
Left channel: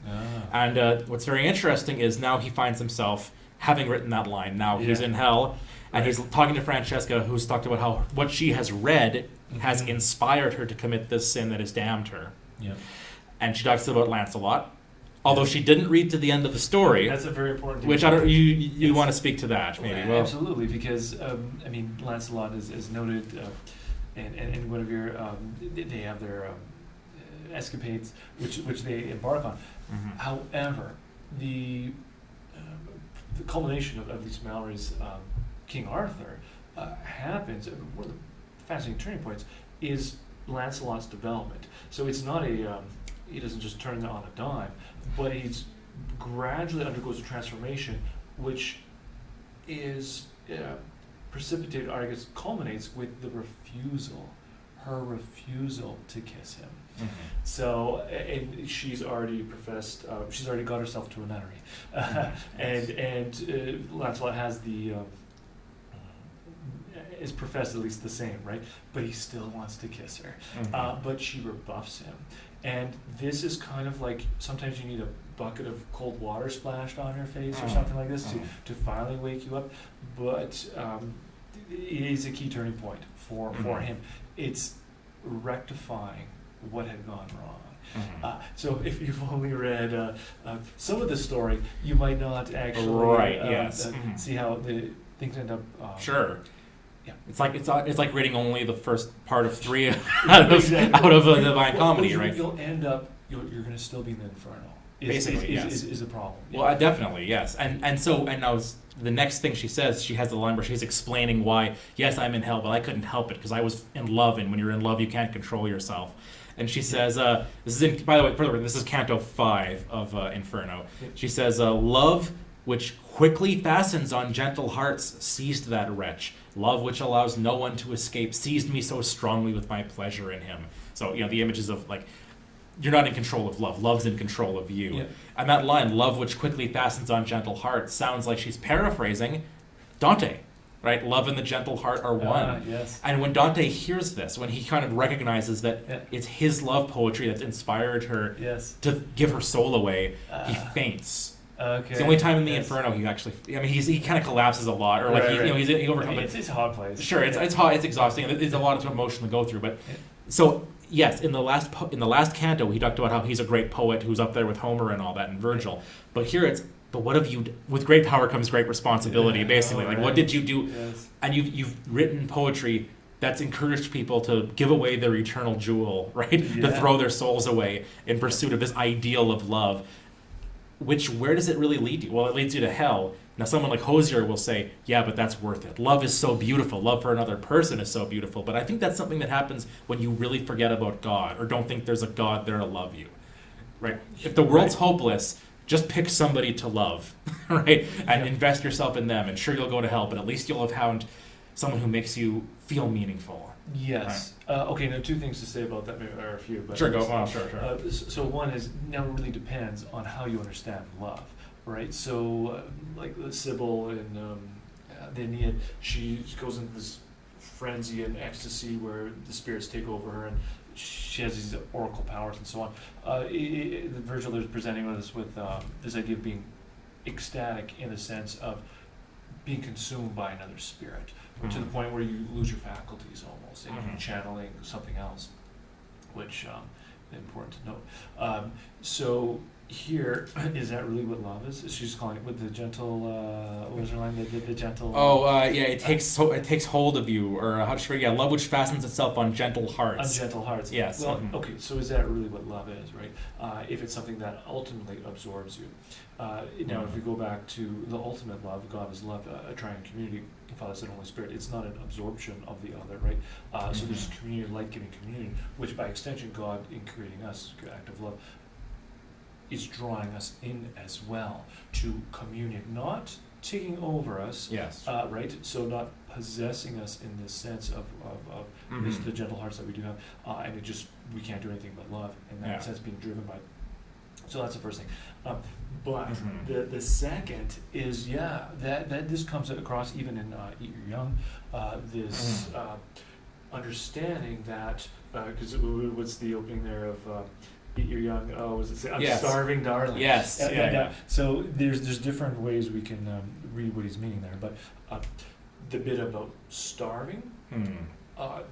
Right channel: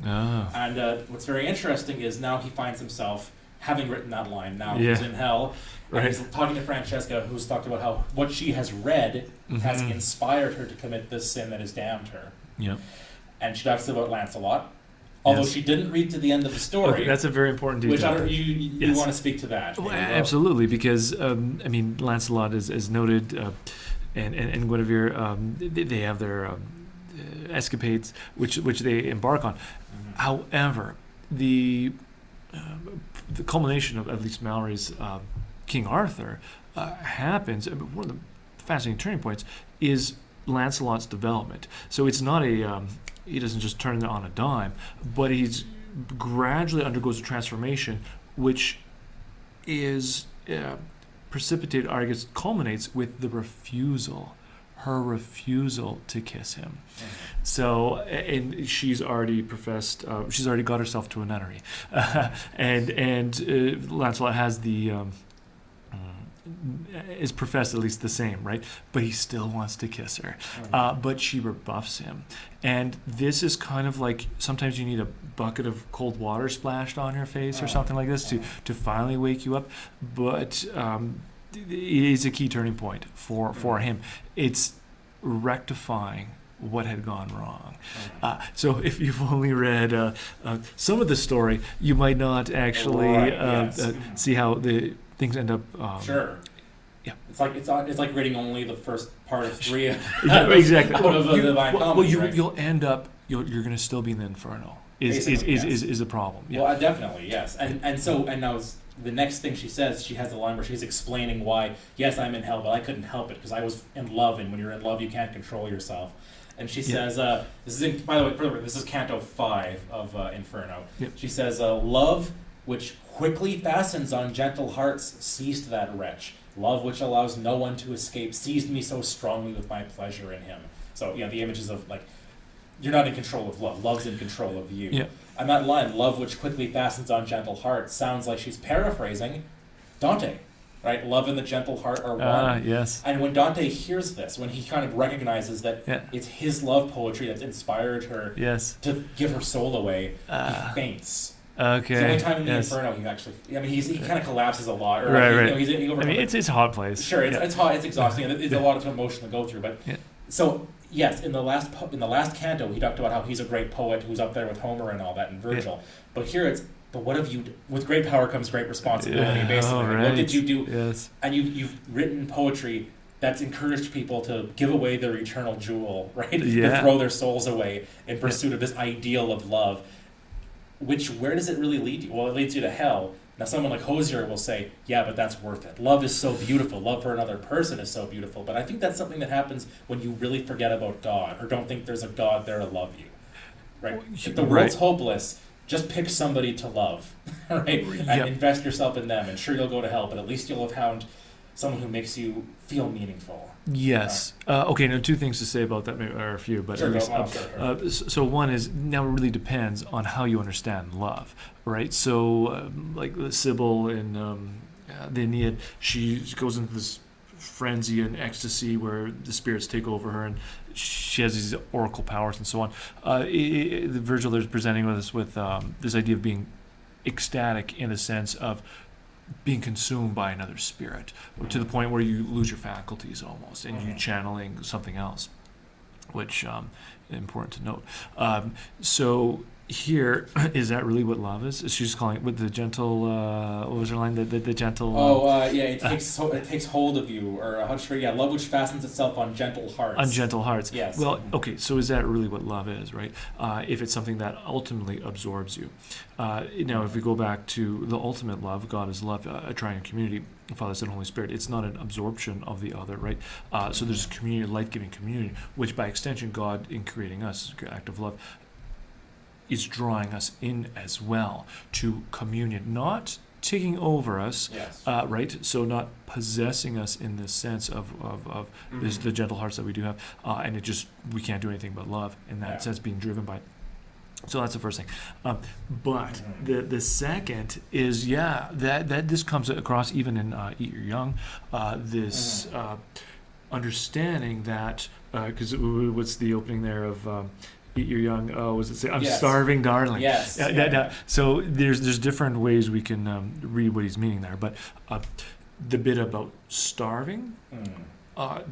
Oh. And what's very interesting is now he finds himself, having written that line, now he's in hell, and he's talking to Francesca, who's talked about how what she has read has inspired her to commit this sin that has damned her. Yep. And she talks about Lancelot, although she didn't read to the end of the story. Okay, that's a very important detail. Which I don't, you want to speak to that. Well, absolutely, because, Lancelot is noted, and Guinevere, they have their escapades, which they embark on. Mm-hmm. However, the culmination of at least Mallory's King Arthur happens. One of the fascinating turning points is Lancelot's development. So it's not he doesn't just turn on a dime, but he's gradually undergoes a transformation, which is precipitated, or I guess culminates with her refusal to kiss him. Mm-hmm. So, and she's already professed, she's already got herself to a nunnery. And Lancelot has is professed at least the same, right? But he still wants to kiss her. Mm-hmm. But she rebuffs him. And this is kind of like, sometimes you need a bucket of cold water splashed on your face or something like this to finally wake you up. But it is a key turning point for him. It's rectifying what had gone wrong. Mm-hmm. So if you've only read some of the story, you might not actually see how the things end up. Sure. Yeah. It's like reading only the first part of 3 exactly. out of the Divine Comedy, right? You'll end up. You're going to still be in the Inferno. Is a problem. Yeah. Well, definitely, yes. And now the next thing she says, she has the line where she's explaining why, yes, I'm in hell, but I couldn't help it because I was in love, and when you're in love, you can't control yourself. And she says, this is by the way, this is Canto 5 of Inferno. Yep. She says, love which quickly fastens on gentle hearts seized that wretch. Love which allows no one to escape seized me so strongly with my pleasure in him. So, the images of, like, you're not in control of love. Love's in control of you. Yeah. And that line, love which quickly fastens on gentle hearts, sounds like she's paraphrasing Dante, right? Love and the gentle heart are one. Yes. And when Dante hears this, when he kind of recognizes that it's his love poetry that's inspired her to give her soul away, he faints. Okay. It's the only time in the Inferno he actually, he kind of collapses a lot. Or it's a hot place. Sure, it's hot, it's exhausting, and there's a lot of emotion to go through. But so yes, in the last canto, he talked about how he's a great poet who's up there with Homer and all that, and Virgil. But here but what have you? With great power comes great responsibility. Basically, what did you do? Yes. And you've written poetry that's encouraged people to give away their eternal jewel, right? To throw their souls away in pursuit of this ideal of love. Where does it really lead you? Well, it leads you to hell. Now, someone like Hoizer will say, yeah, but that's worth it. Love is so beautiful. Love for another person is so beautiful. But I think that's something that happens when you really forget about God or don't think there's a God there to love you, right? If the world's hopeless, just pick somebody to love, right? And invest yourself in them. And sure, you'll go to hell, but at least you'll have found someone who makes you feel meaningful. Yes. Okay, now 2 things to say about that, maybe, or a few. But sure, go on. Sure. So one is, now it really depends on how you understand love, right? So, like Sybil in the Aeneid, she goes into this frenzy and ecstasy where the spirits take over her, and she has these oracle powers and so on. Virgil is presenting us with this idea of being ecstatic in the sense of being consumed by another spirit, to the point where you lose your faculties almost, and you're channeling something else, which is important to note. So here, is that really what love is? She's calling it with the gentle, what was her line? The gentle... it takes hold of you, or how should I say, love which fastens itself on gentle hearts. On gentle hearts. Yes. Well, okay, so is that really what love is, right? If it's something that ultimately absorbs you. Now, if we go back to the ultimate love, God is love, a triune community, Father, Son, Holy Spirit, it's not an absorption of the other, right? So there's community, life-giving community, which by extension, God, in creating us, an act of love, is drawing us in as well to communion, not taking over us, yes. Right? So not possessing us in the sense of this, the gentle hearts that we do have, and we can't do anything but love in that sense, being driven by. So that's the first thing. But the second is, that this comes across even in Eat Your Young, this understanding that, because what's the opening there of Eat Your Young? Oh, was it say, I'm starving, darling? Yes. So there's different ways we can read what he's meaning there, but the bit about starving,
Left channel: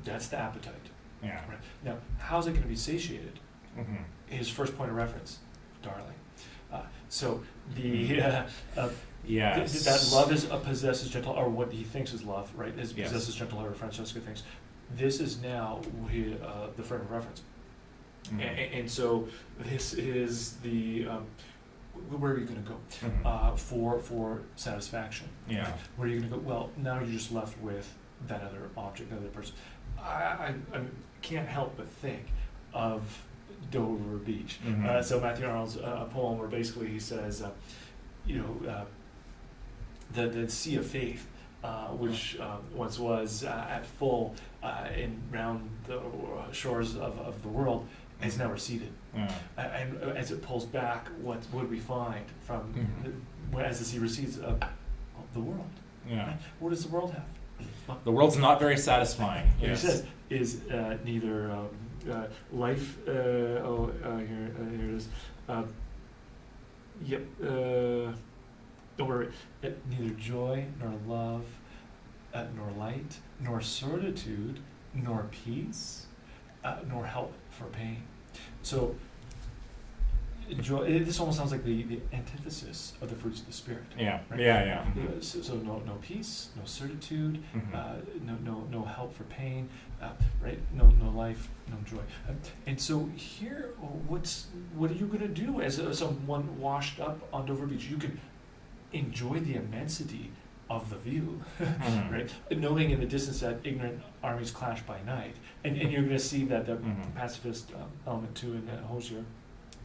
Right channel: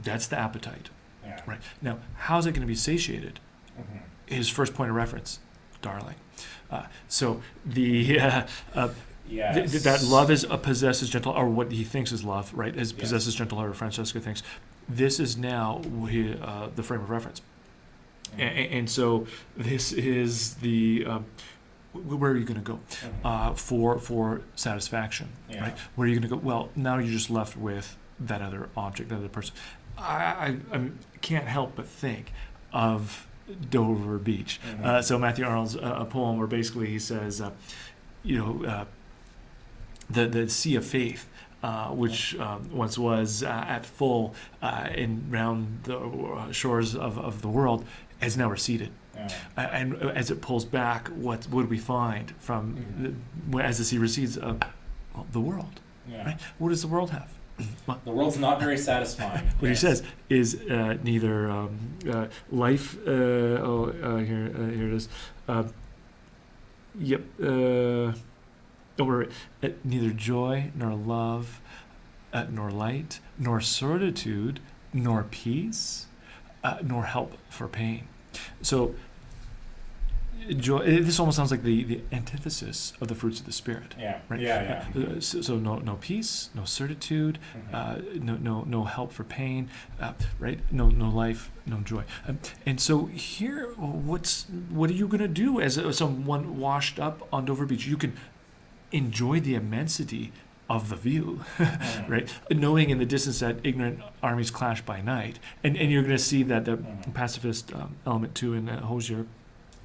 that's the appetite. Yeah. Right. Now, how's it going to be satiated? His first point of reference, darling. So that love is possesses gentle, or what he thinks is love, right? Is possesses gentle heart, or Francesca thinks. This is now the frame of reference. And so this is the where are you going to go for satisfaction? Right? Where are you going to go? Well, now you're just left with that other object, that other person. I can't help but think of Dover Beach. So Matthew Arnold's a poem where basically he says, the sea of faith, which once was at full round the shores of the world, has now receded. And as it pulls back, what would we find from as the sea recedes? The world. Right? What does the world have? The world's not very satisfying. What he says is neither life. Here it is. Or neither joy nor love, nor light, nor certitude, nor peace, nor help for pain. So joy. This almost sounds like the antithesis of the fruits of the spirit. Right? So no peace, no certitude, no help for pain, right? No life, no joy. And so here, what are you going to do as someone washed up on Dover Beach? You can enjoy the immensity of the view, right? Knowing in the distance that ignorant armies clash by night, and you're going to see that the pacifist element too in Hoizer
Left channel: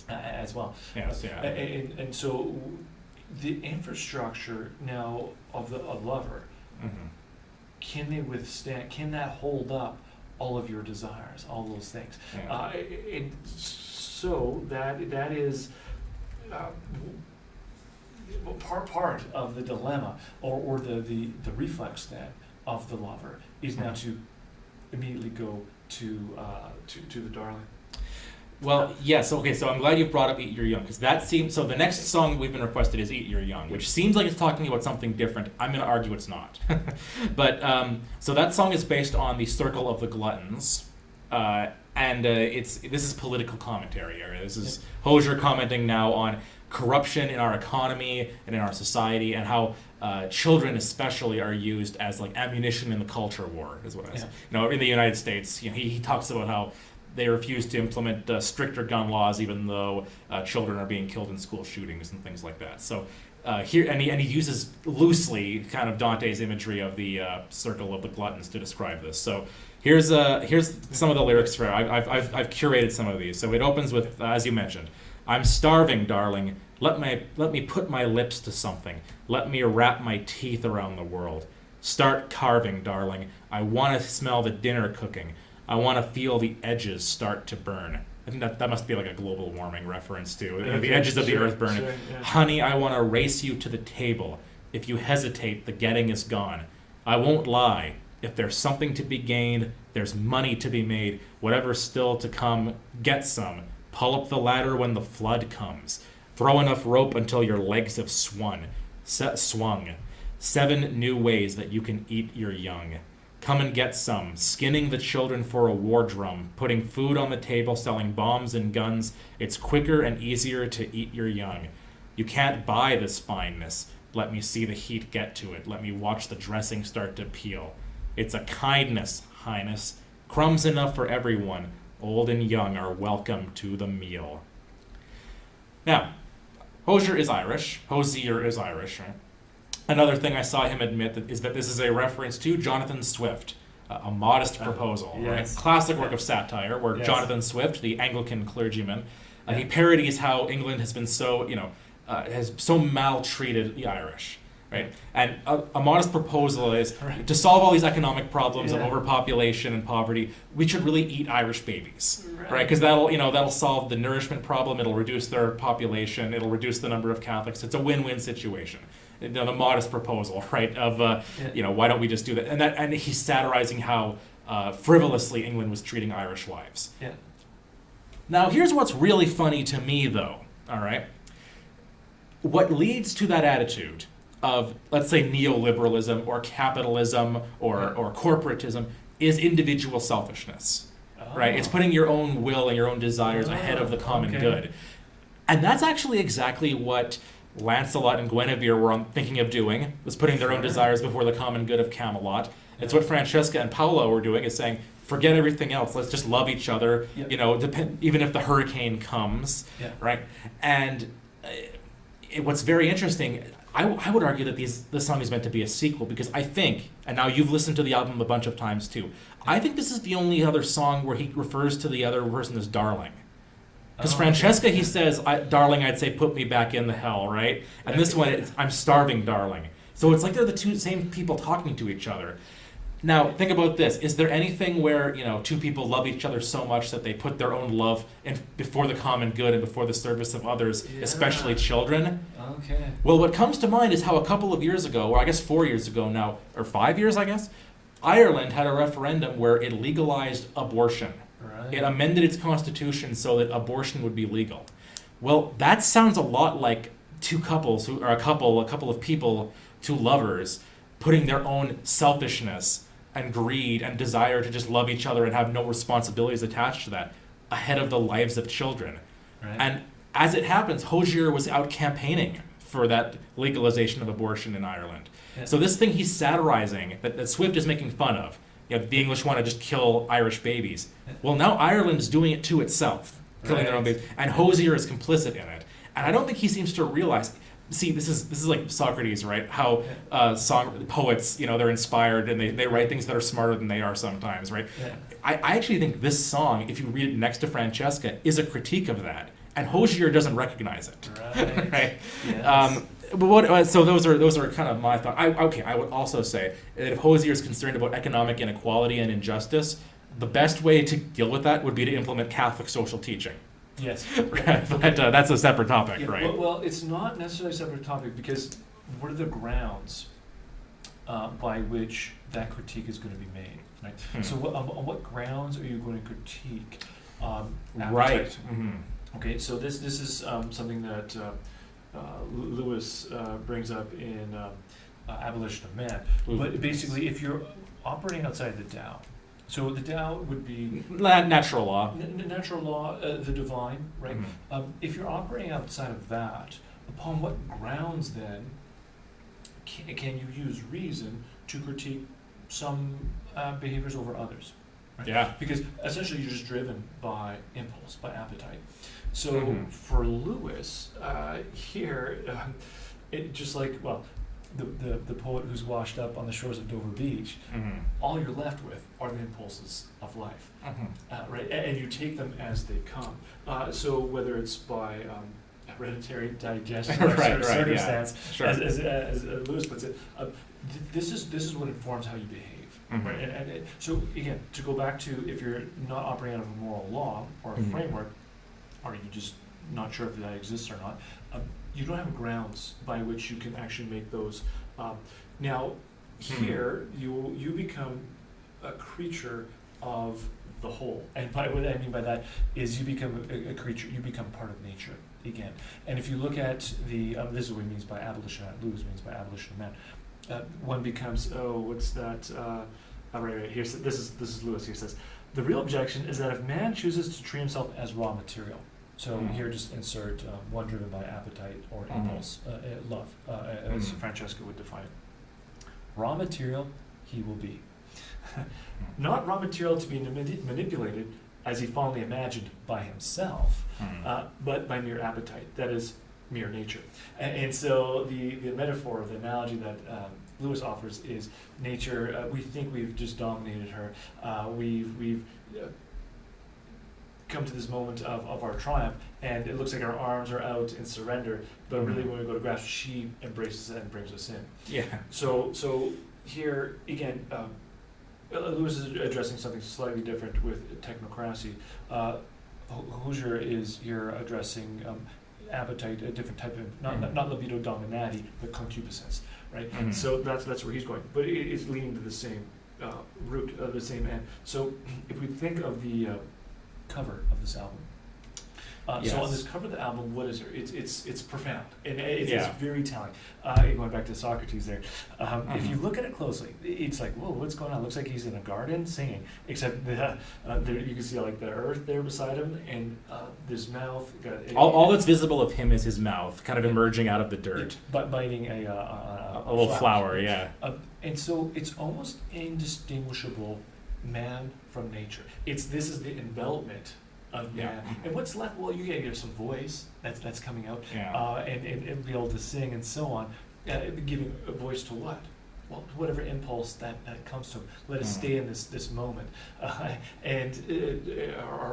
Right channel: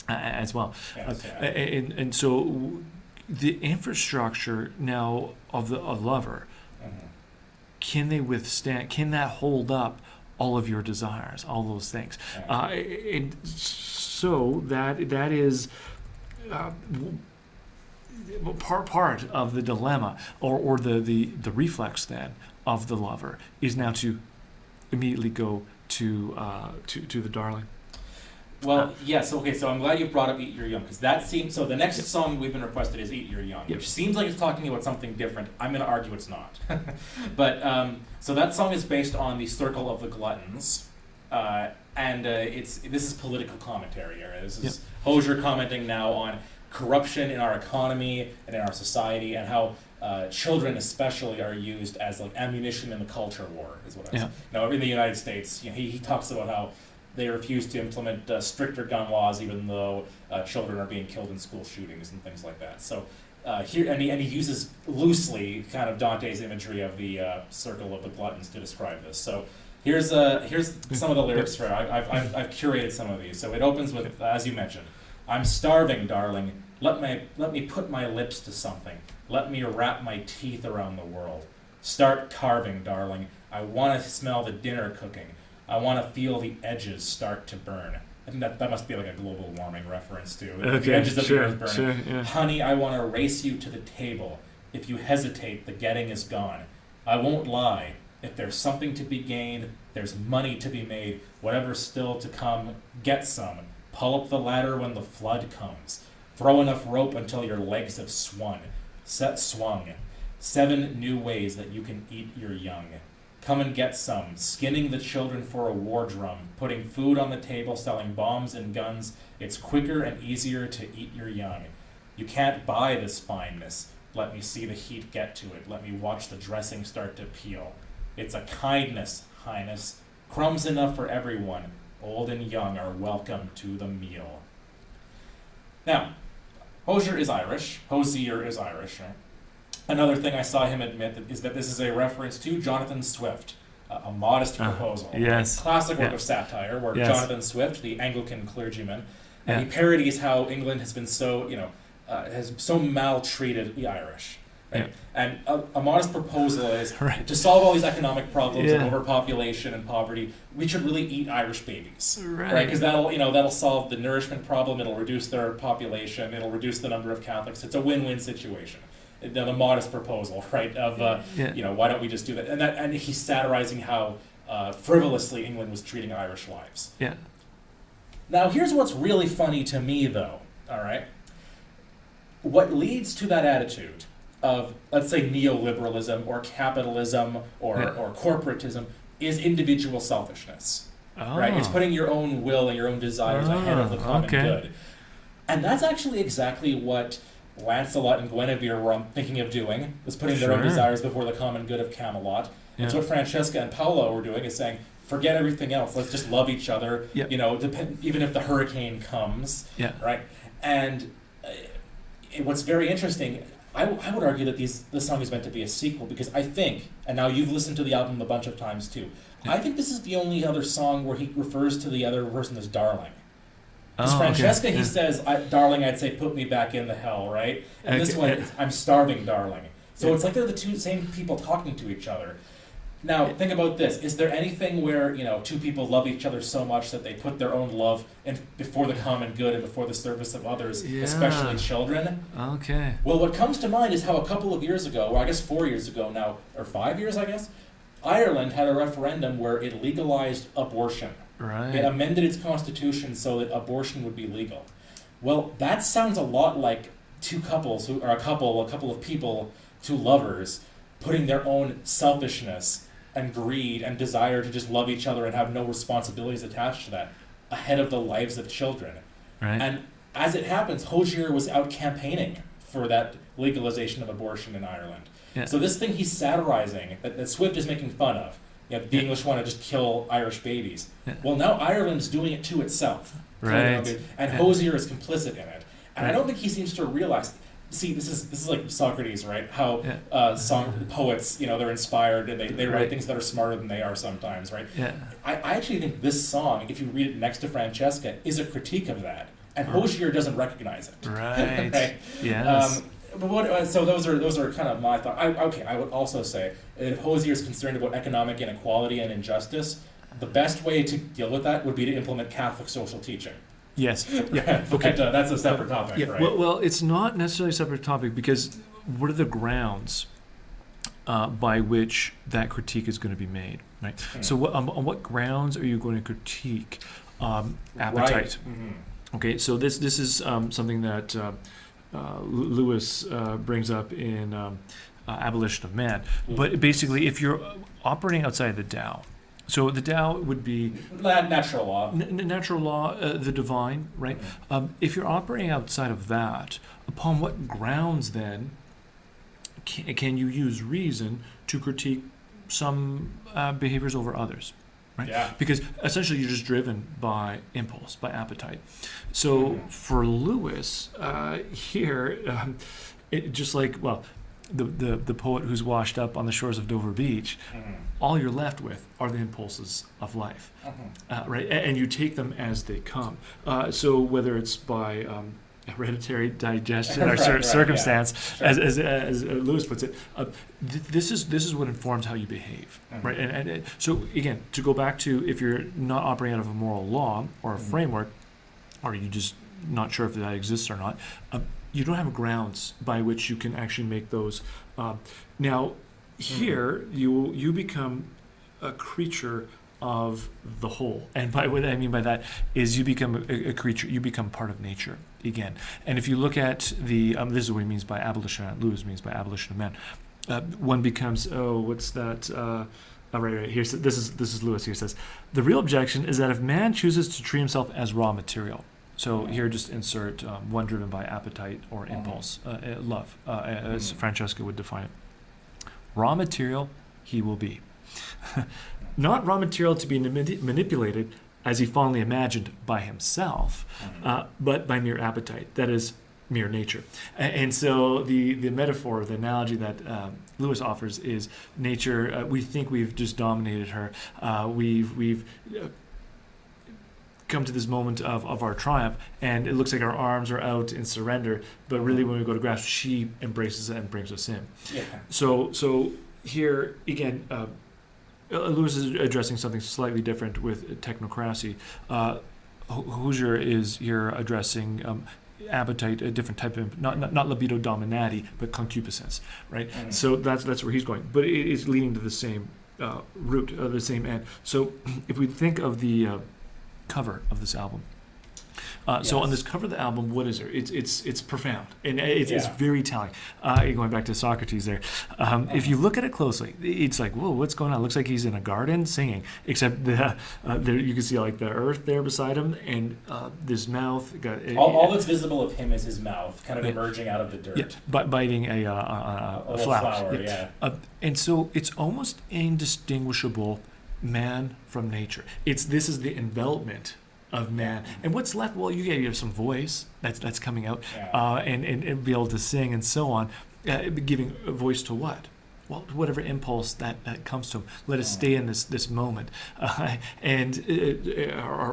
as well. And so the infrastructure now of a lover, can they withstand? Can that hold up all of your desires, all those things? And so that is. Part of the dilemma, or the reflex then of the lover is now to immediately go to the darling. Well, yes. Okay, so I'm glad you brought up "Eat Your Young" because that seems. So the next song we've been requested is "Eat Your Young," which seems like it's talking about something different. I'm going to argue it's not. But so that song is based on the Circle of the Gluttons, and this is political commentary area. This is Hoizer commenting now on corruption in our economy and in our society, and how children especially are used as like ammunition in the culture war, is what I say. In the United States, he talks about how they refuse to implement stricter gun laws, even though children are being killed in school shootings and things like that. So here, and he uses loosely kind of Dante's imagery of the Circle of the Gluttons to describe this. So here's some of the lyrics for. I've curated some of these. So it opens with, as you mentioned, "I'm starving, darling. Let me put my lips to something. Let me wrap my teeth around the world. Start carving, darling. I want to smell the dinner cooking. I want to feel the edges start to burn." I think that must be like a global warming reference to the edges of the earth burning. "Honey, I want to race you to the table. If you hesitate, the getting is gone. I won't lie. If there's something to be gained, there's money to be made. Whatever's still to come, get some. Pull up the ladder when the flood comes. Throw enough rope until your legs have swung. 7 new ways that you can eat your young. Come and get some, skinning the children for a war drum, putting food on the table, selling bombs and guns. It's quicker and easier to eat your young. You can't buy this fineness. Let me see the heat get to it. Let me watch the dressing start to peel. It's a kindness, Highness. Crumbs enough for everyone. Old and young are welcome to the meal. Now, Hoizer is Irish. Right? Another thing I saw him admit is that this is a reference to Jonathan Swift, A Modest Proposal. Yes. A classic work of satire where Yes. Jonathan Swift, the Anglican clergyman, he parodies how England has been so, has so maltreated the Irish. Right? And a modest proposal is to solve all these economic problems of overpopulation and poverty, we should really eat Irish babies, right? Because that'll solve the nourishment problem. It'll reduce their population. It'll reduce the number of Catholics. It's a win-win situation. The modest proposal, right? Of why don't we just do that? And he's satirizing how frivolously England was treating Irish wives. Yeah. Now here's what's really funny to me, though. All right. What leads to that attitude of, let's say, neoliberalism or capitalism or corporatism is individual selfishness, right? It's putting your own will and your own desires ahead of the common good. And that's actually exactly what Lancelot and Guinevere were thinking of doing, was putting their own desires before the common good of Camelot. It's what Francesca and Paolo were doing, is saying, forget everything else, let's just love each other, even if the hurricane comes, right? And what's very interesting, I would argue that this song is meant to be a sequel, because I think, and now you've listened to the album a bunch of times too, I think this is the only other song where he refers to the other person as darling. Because Francesca, he says, darling, I'd say, put me back in the hell, right? And this one, I'm starving, darling. So it's like they're the same people talking to each other. Now, think about this. Is there anything where, two people love each other so much that they put their own love before the common good and before the service of others, especially children? Okay. Well, what comes to mind is how a couple of years ago, or I guess 4 years ago now, or 5 years, I guess, Ireland had a referendum where it legalized abortion. Right. It amended its constitution so that abortion would be legal. Well, that sounds a lot like two couples, a couple of people, two lovers, putting their own selfishness and greed and desire to just love each other and have no responsibilities attached to that ahead of the lives of children. Right. And as it happens, Hoizer was out campaigning for that legalization of abortion in Ireland. Yeah. So this thing he's satirizing, that Swift is making fun of, the English want to just kill Irish babies. Yeah. Well, now Ireland's doing it to itself. Right. And Hoizer is complicit in it. And I don't think he seems to realize. See, this is like Socrates, right? How poets, they're inspired and they write things that are smarter than they are sometimes, right? Yeah. I actually think this song, if you read it next to Francesca, is a critique of that. And Hoizer doesn't recognize it. Right. Right? Yes. So those are kind of my thoughts. I would also say that if Hoizer is concerned about economic inequality and injustice, the best way to deal with that would be to implement Catholic social teaching. Yes. But that's a separate topic, right? Well, it's not necessarily a separate topic, because what are the grounds by which that critique is going to be made, right? So on what grounds are you going to critique appetite? Right. Okay, so this is something that Lewis brings up in Abolition of Man. But basically, if you're operating outside the Tao, so the Tao would be natural law. Natural law, the divine, right? If you're operating outside of that, upon what grounds then can you use reason to critique some behaviors over others, right? Yeah. Because essentially you're just driven by impulse, by appetite. So for Lewis, here, it just like, well, the poet who's washed up on the shores of Dover Beach, all you're left with are the impulses of life, right? And you take them as they come. So whether it's by hereditary digestion or circumstance, as Lewis puts it, this is what informs how you behave, right? And so again, to go back to, if you're not operating out of a moral law or a framework, or you just not sure if that exists or not, you don't have grounds by which you can actually make those. Now, here you become a creature of the whole, and by what I mean by that is you become a creature. You become part of nature again. And if you look at the this is what he means by abolition. Lewis means by abolition of man. One becomes what's that? Right. Here, this is Lewis. Here says, the real objection is that if man chooses to treat himself as raw material, so here just insert one driven by appetite or impulse, love, as Francesca would define it. Raw material he will be. Not raw material to be manipulated as he fondly imagined by himself, but by mere appetite, that is, mere nature. And so the metaphor, the analogy that Lewis offers is nature. We think we've just dominated her. We've come to this moment of our triumph, and it looks like our arms are out in surrender, but really when we go to grasp, she embraces it and brings us in. Yeah. So here again, Lewis is addressing something slightly different with technocracy. Hoizer is here addressing appetite, a different type of not libido dominati, but concupiscence, right? So that's where he's going, but it is leading to the same root, the same end. So if we think of the cover of this album, so on this cover of the album, what is there? It's profound, and it's very telling. Going back to Socrates there, if you look at it closely, it's like, whoa, what's going on? It looks like he's in a garden singing, except there you can see like the earth there beside him, and this mouth. All that's visible of him is his mouth, kind of emerging out of the dirt, biting a little flower. And so it's almost indistinguishable man from nature. This is the envelopment of man, and what's left? Well, you have some voice that's coming out, and be able to sing and so on, giving a voice to what? Well, whatever impulse that comes to him. Let us stay in this moment, or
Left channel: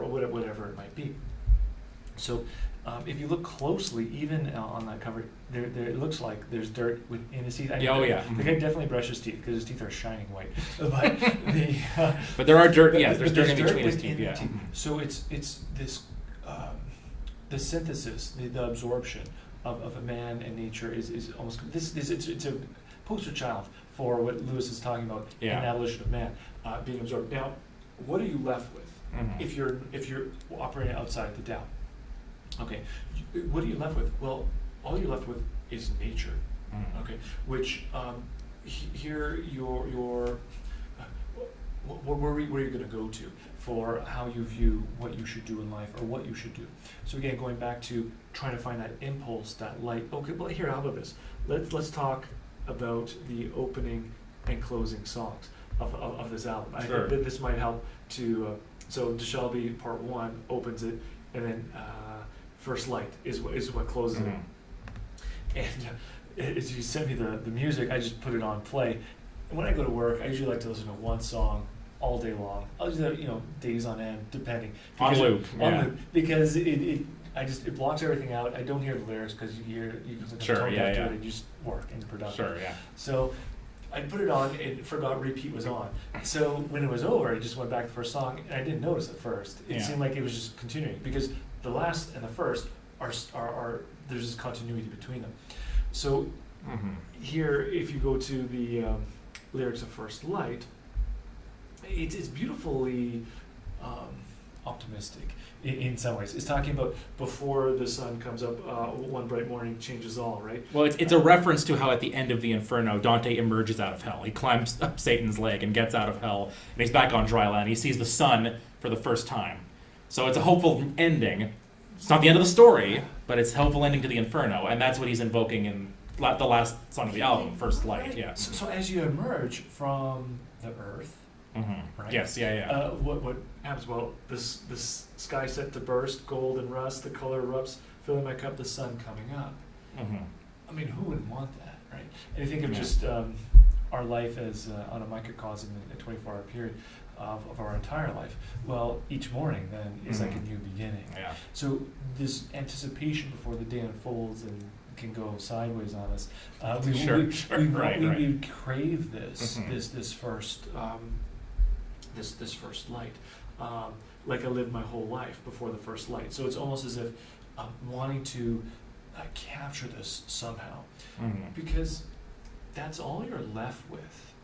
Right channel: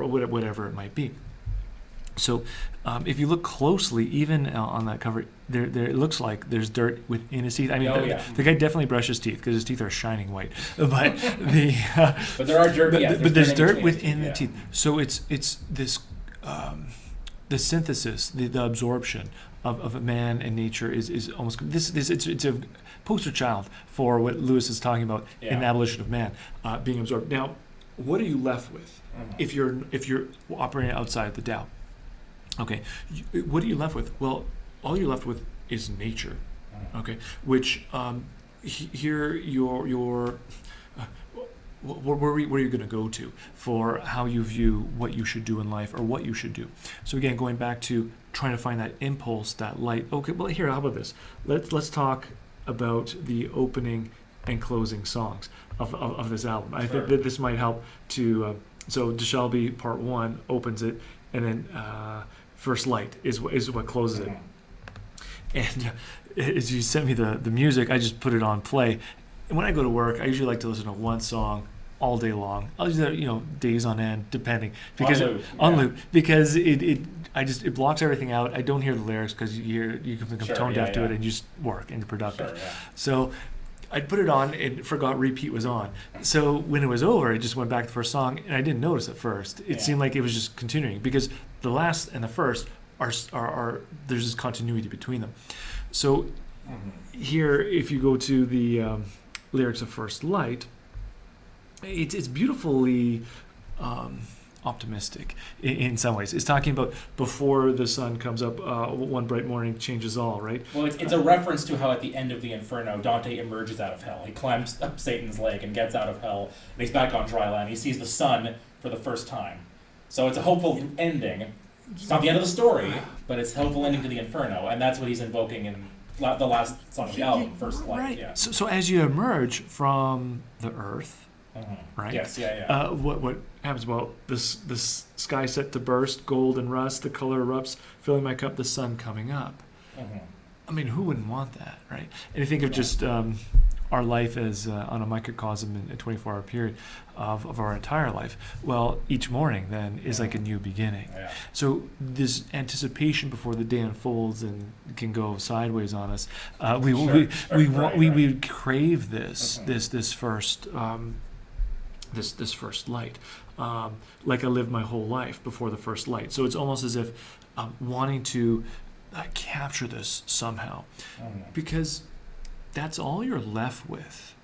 whatever it might be. So, if you look closely, even on that cover, there it looks like there's dirt within his teeth. I mean, the guy definitely brushed his teeth because his teeth are shining white. But but there are dirt. But there's dirt within the teeth. So it's this the synthesis, the absorption of a man and nature is almost this. It's a poster child for what Lewis is talking about in Abolition of Man, being absorbed. Now, what are you left with if you're operating outside the Tao? Okay, what are you left with? Well, all you're left with is nature. Okay, which here your where are you going to go to for how you view what you should do in life or what you should do? So again, going back to trying to find that impulse, that light. Okay, well here, how about this? Let's talk about the opening and closing songs of this album. I think that this might help to. So DeShelby Part 1 opens it, and then First Light is what closes it. And as you sent me the music, I just put it on play. And when I go to work, I usually like to listen to one song all day long. I'll do that, days on end, depending. Because on loop, because it blocks everything out. I don't hear the lyrics because you can become tone deaf to it and you just work and you're productive. So I put it on and forgot repeat was on. So when it was over, it just went back to the first song, and I didn't notice at first. It seemed like it was just continuing because the last and the first are there's this continuity between them. So here, if you go to the lyrics of First Light, it's beautifully optimistic in some ways. It's talking about before the sun comes up, one bright morning changes all, right? Well, it's a reference to how at the end of the Inferno, Dante emerges out of hell. He climbs up Satan's leg and gets out of hell, and he's back on dry land. He sees the sun for the first time. So it's a hopeful ending. It's not the end of the story, but it's a hopeful ending to the Inferno, and that's what he's invoking in the last song of the album, First Light. Right. So as you emerge from the earth, right? Yes, what happens? Well, this sky set to burst, gold and rust, the color erupts, filling my cup, the sun coming up. I mean, who wouldn't want that, right? And you think of just our life as on a microcosm in a 24-hour period of our entire life. Well, each morning then is like a new beginning. So this anticipation before the day unfolds and can go sideways on us, we crave this first this first light, like I lived my whole life before the first light. So it's almost as if wanting to capture this somehow, because that's all you're left with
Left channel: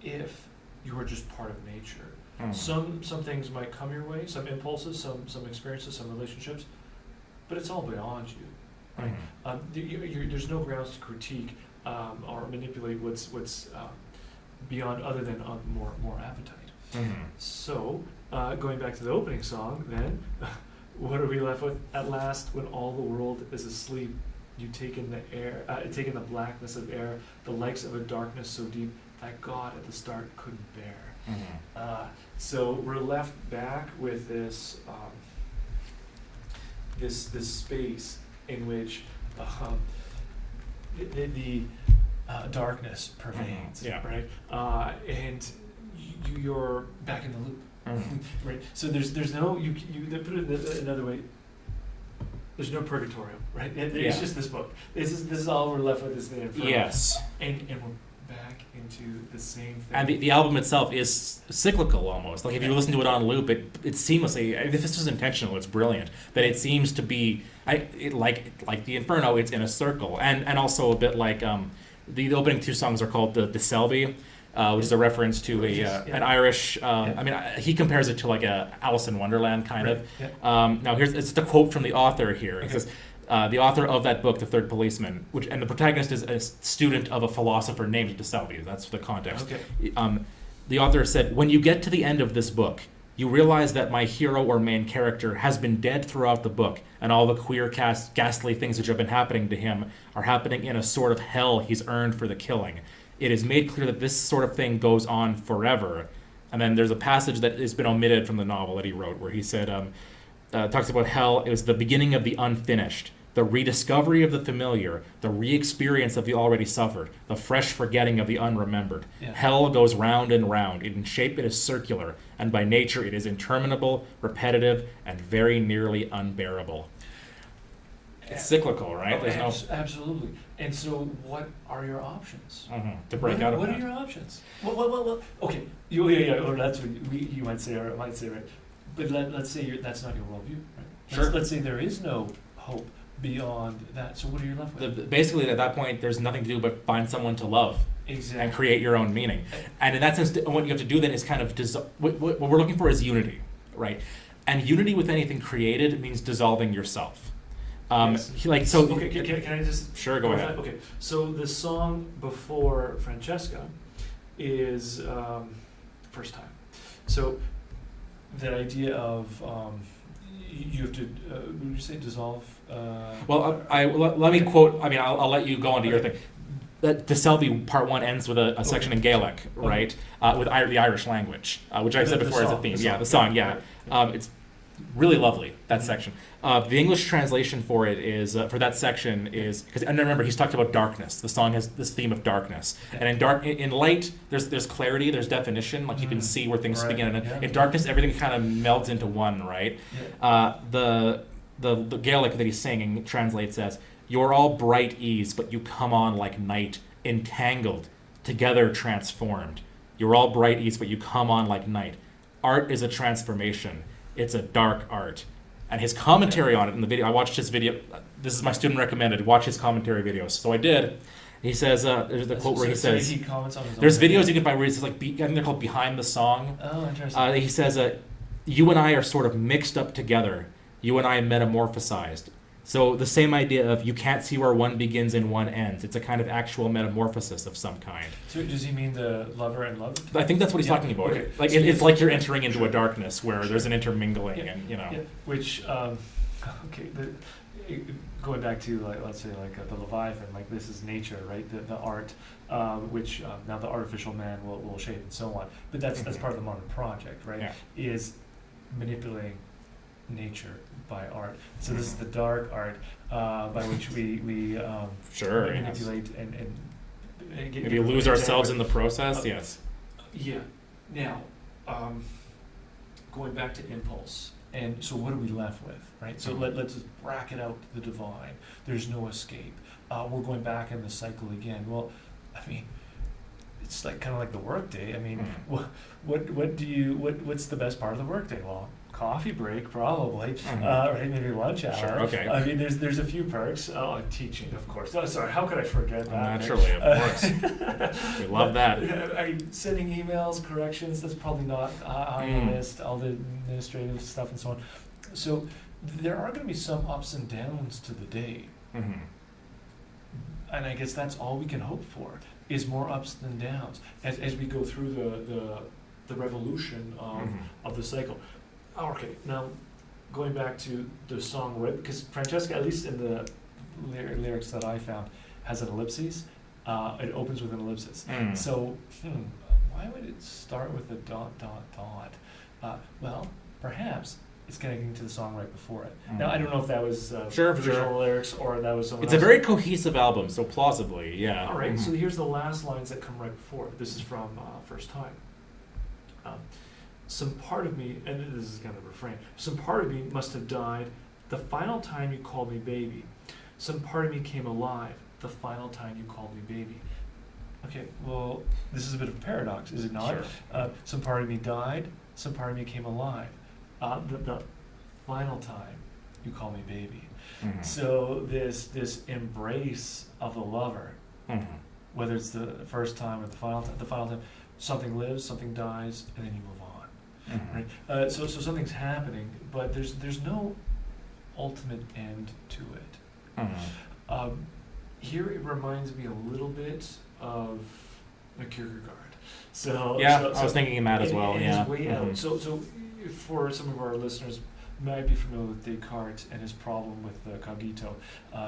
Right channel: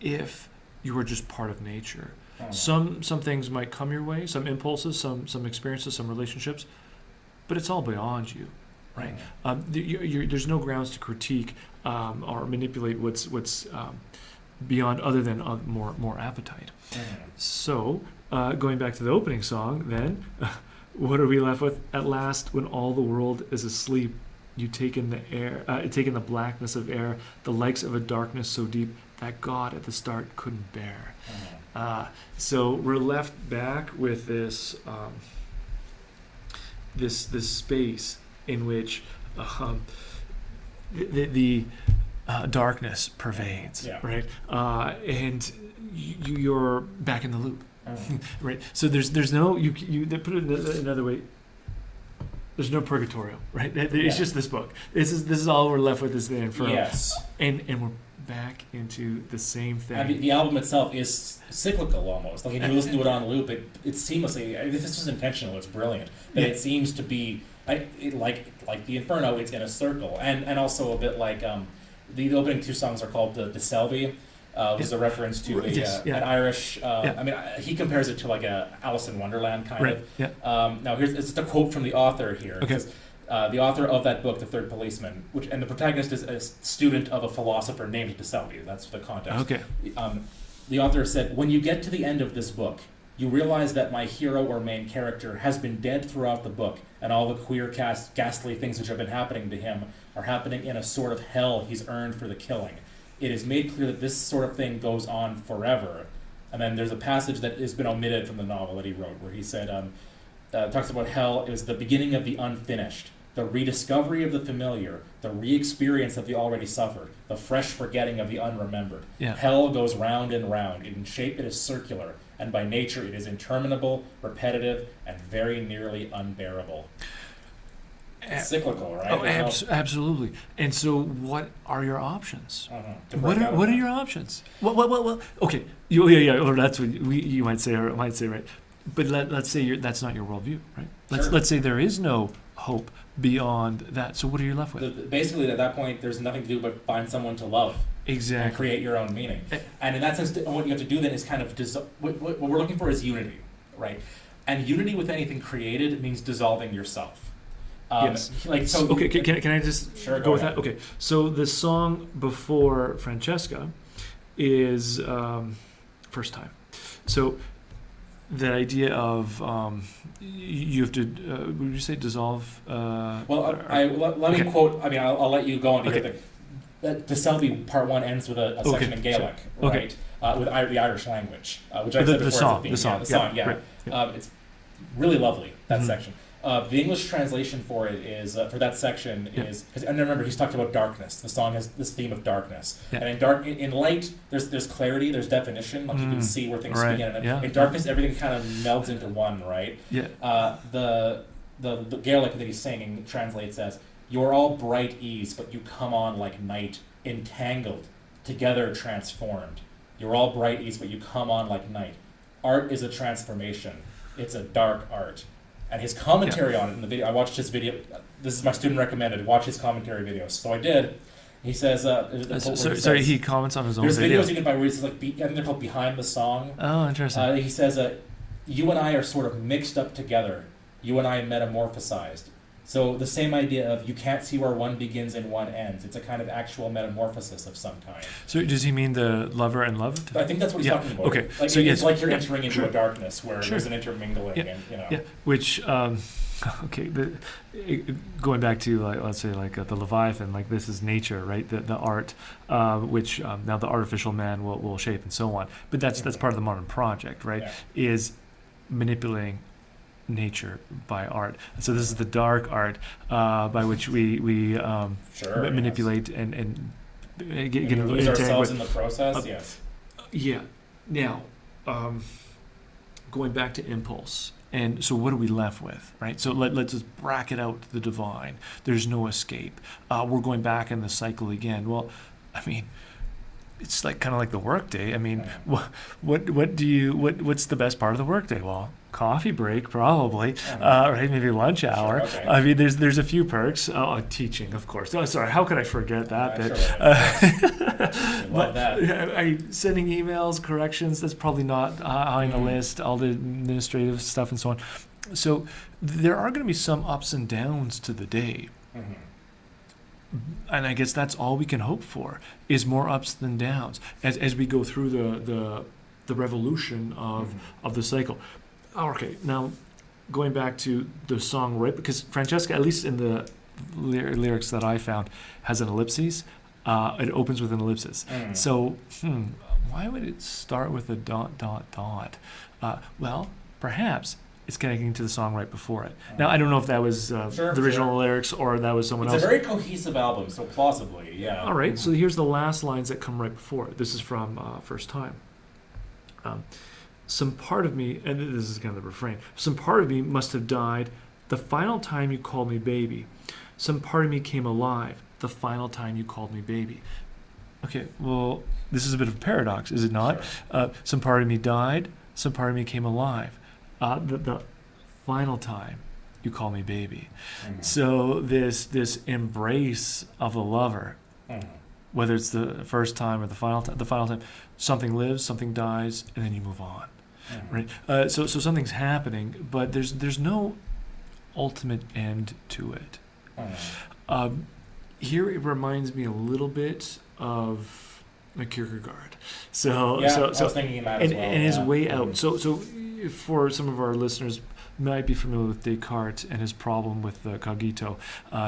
if you were just part of nature. Some things might come your way, some impulses, some experiences, some relationships, but it's all beyond you, right? There's no grounds to critique or manipulate what's beyond other than more appetite. So, going back to the opening song, then, what are we left with? At last, when all the world is asleep, you take in the blackness of air, the likes of a darkness so deep that God at the start couldn't bear. So we're left back with this this space in which the darkness pervades, right? And you're back in the loop, right? So there's no they put it another way. There's no purgatorio, right? It's just this book. This is all we're left with is the Inferno. Yes. And we're back into the same thing. And the album itself is cyclical almost. Like if you listen to it on loop, it seamlessly. If this was intentional, it's brilliant. But it seems to be like the Inferno. It's in a circle, and also a bit like the opening two songs are called the Selby. Which is a reference to an Irish. I mean, he compares it to like a Alice in Wonderland kind of. Yeah. Now it's the quote from the author here. Okay. It says, the author of that book, The Third Policeman, and the protagonist is a student of a philosopher named de Selby. That's the context. Okay. The author said, "When you get to the end of this book, you realize that my hero or main character has been dead throughout the book, and all the queer, ghastly things which have been happening to him are happening in a sort of hell he's earned for the killing. It is made clear that this sort of thing goes on forever." And then there's a passage that has been omitted from the novel that he wrote where he said, talks about hell is the beginning of the unfinished, the rediscovery of the familiar, the re-experience of the already suffered, the fresh forgetting of the unremembered. Yeah. Hell goes round and round. In shape it is circular, and by nature it is interminable, repetitive, and very nearly unbearable. It's cyclical, right? Oh, absolutely. And so, what are your options? What are your options? Well, okay. Yeah. Or that's what you might say, or it might say, right? But let's say that's not your worldview, right? Let's say there is no hope beyond that. So what are you left with? Basically, at that point, there's nothing to do but find someone to love. Exactly. And create your own meaning. And in that sense, what you have to do then is kind of what we're looking for is unity, right? And unity with anything created means dissolving yourself. Yes. Okay. Can I just go with ahead. that? Okay. So the song before Francesca is First Time. So the idea of you have to would you say dissolve? Let me quote. I mean, I'll let you go into your thing. The Selby part one ends with a section in Gaelic, right? With the Irish language, which I said before is a theme. The song. It's really lovely, that section. The English translation for it is for that section is because and remember he's talked about darkness. The song has this theme of darkness, and in light there's clarity, there's definition, like you can see where things begin. And in darkness, everything kind of melts into one, right? Yeah. The Gaelic that he's singing translates as, "You're all bright ease, but you come on like night, entangled, together transformed. You're all bright ease, but you come on like night. Art is a transformation. It's a dark art." And his commentary on it in the video, I watched his video. This is my student recommended. Watch his commentary videos. So I did. He says, there's the quote where he says, he comments on his own there's video. videos you can find where he's like, I think they're called Behind the Song. Oh, interesting. He says, you and I are sort of mixed up together. You and I metamorphosized. So the same idea of you can't see where one begins and one ends. It's a kind of actual metamorphosis of some kind. So does he mean the lover and love? I think that's what he's talking about. Okay. Like so it's like you're entering into a darkness where there's an intermingling, and Yeah. Which, going back to let's say the Leviathan, like this is nature, right? The art, which now the artificial man will shape and so on. But that's part of the modern project, right? Yeah. Is manipulating nature by art. So this is the dark art by which we manipulate and get lose ourselves in the process. Yes. Yeah. Now, going back to impulse, and so what are we left with, right? So let's just bracket out the divine. There's no escape. We're going back in the cycle again. Well, I mean, it's like kind of like the workday. I mean, what's the best part of the workday? Well, coffee break probably, right? Maybe lunch hour. Sure, okay. I mean, there's a few perks. Teaching, of course. Oh, sorry, how could I forget that? Love that. Sending emails, corrections. That's probably not high on the list. All the administrative stuff and so on. So there are going to be some ups and downs to the day. and I guess that's all we can hope for, is more ups than downs as we go through the revolution of the cycle. Okay, now going back to the song, right? Because Francesca, at least in the lyrics that I found, has an ellipses. It opens with an ellipsis. So, why would it start with a ... Well, perhaps it's connecting to the song right before it. Now, I don't know if that was the original lyrics or that was someone else. It's a very cohesive album, so plausibly, yeah. All right, so here's the last lines that come right before it. This is from First Time. Some part of me, and this is kind of the refrain, some part of me must have died the final time you called me baby. Some part of me came alive the final time you called me baby. Okay, well, this is a bit of a paradox, is it not? Sure. Some part of me died, some part of me came alive. The final time you call me baby. So this embrace of the lover, whether it's the first time or the final time, something lives, something dies, and then you move on. Right? So something's happening, but there's no ultimate end to it. Here it reminds me a little bit of a Kierkegaard. So I was thinking that as well. And his way out. So for some of our listeners might be familiar with Descartes and his problem with the cogito.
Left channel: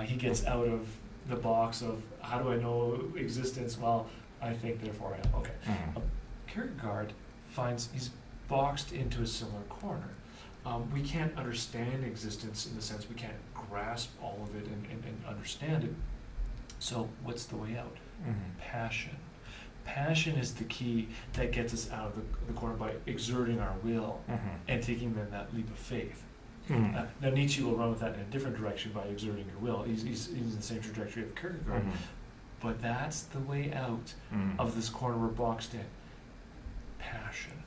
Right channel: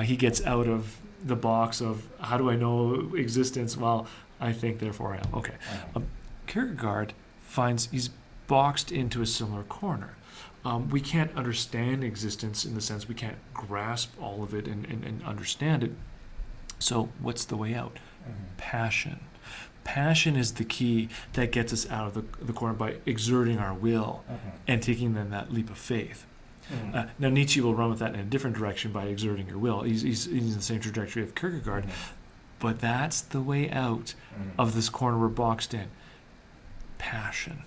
He gets out of the box of how do I know existence? Well, I think, therefore I am. Okay. Kierkegaard finds he's boxed into a similar corner. We can't understand existence in the sense we can't grasp all of it and understand it. So what's the way out? Passion. Passion is the key that gets us out of the corner by exerting our will and taking then that leap of faith. Now Nietzsche will run with that in a different direction by exerting your will. He's in the same trajectory of Kierkegaard, but that's the way out of this corner we're boxed in. Passion.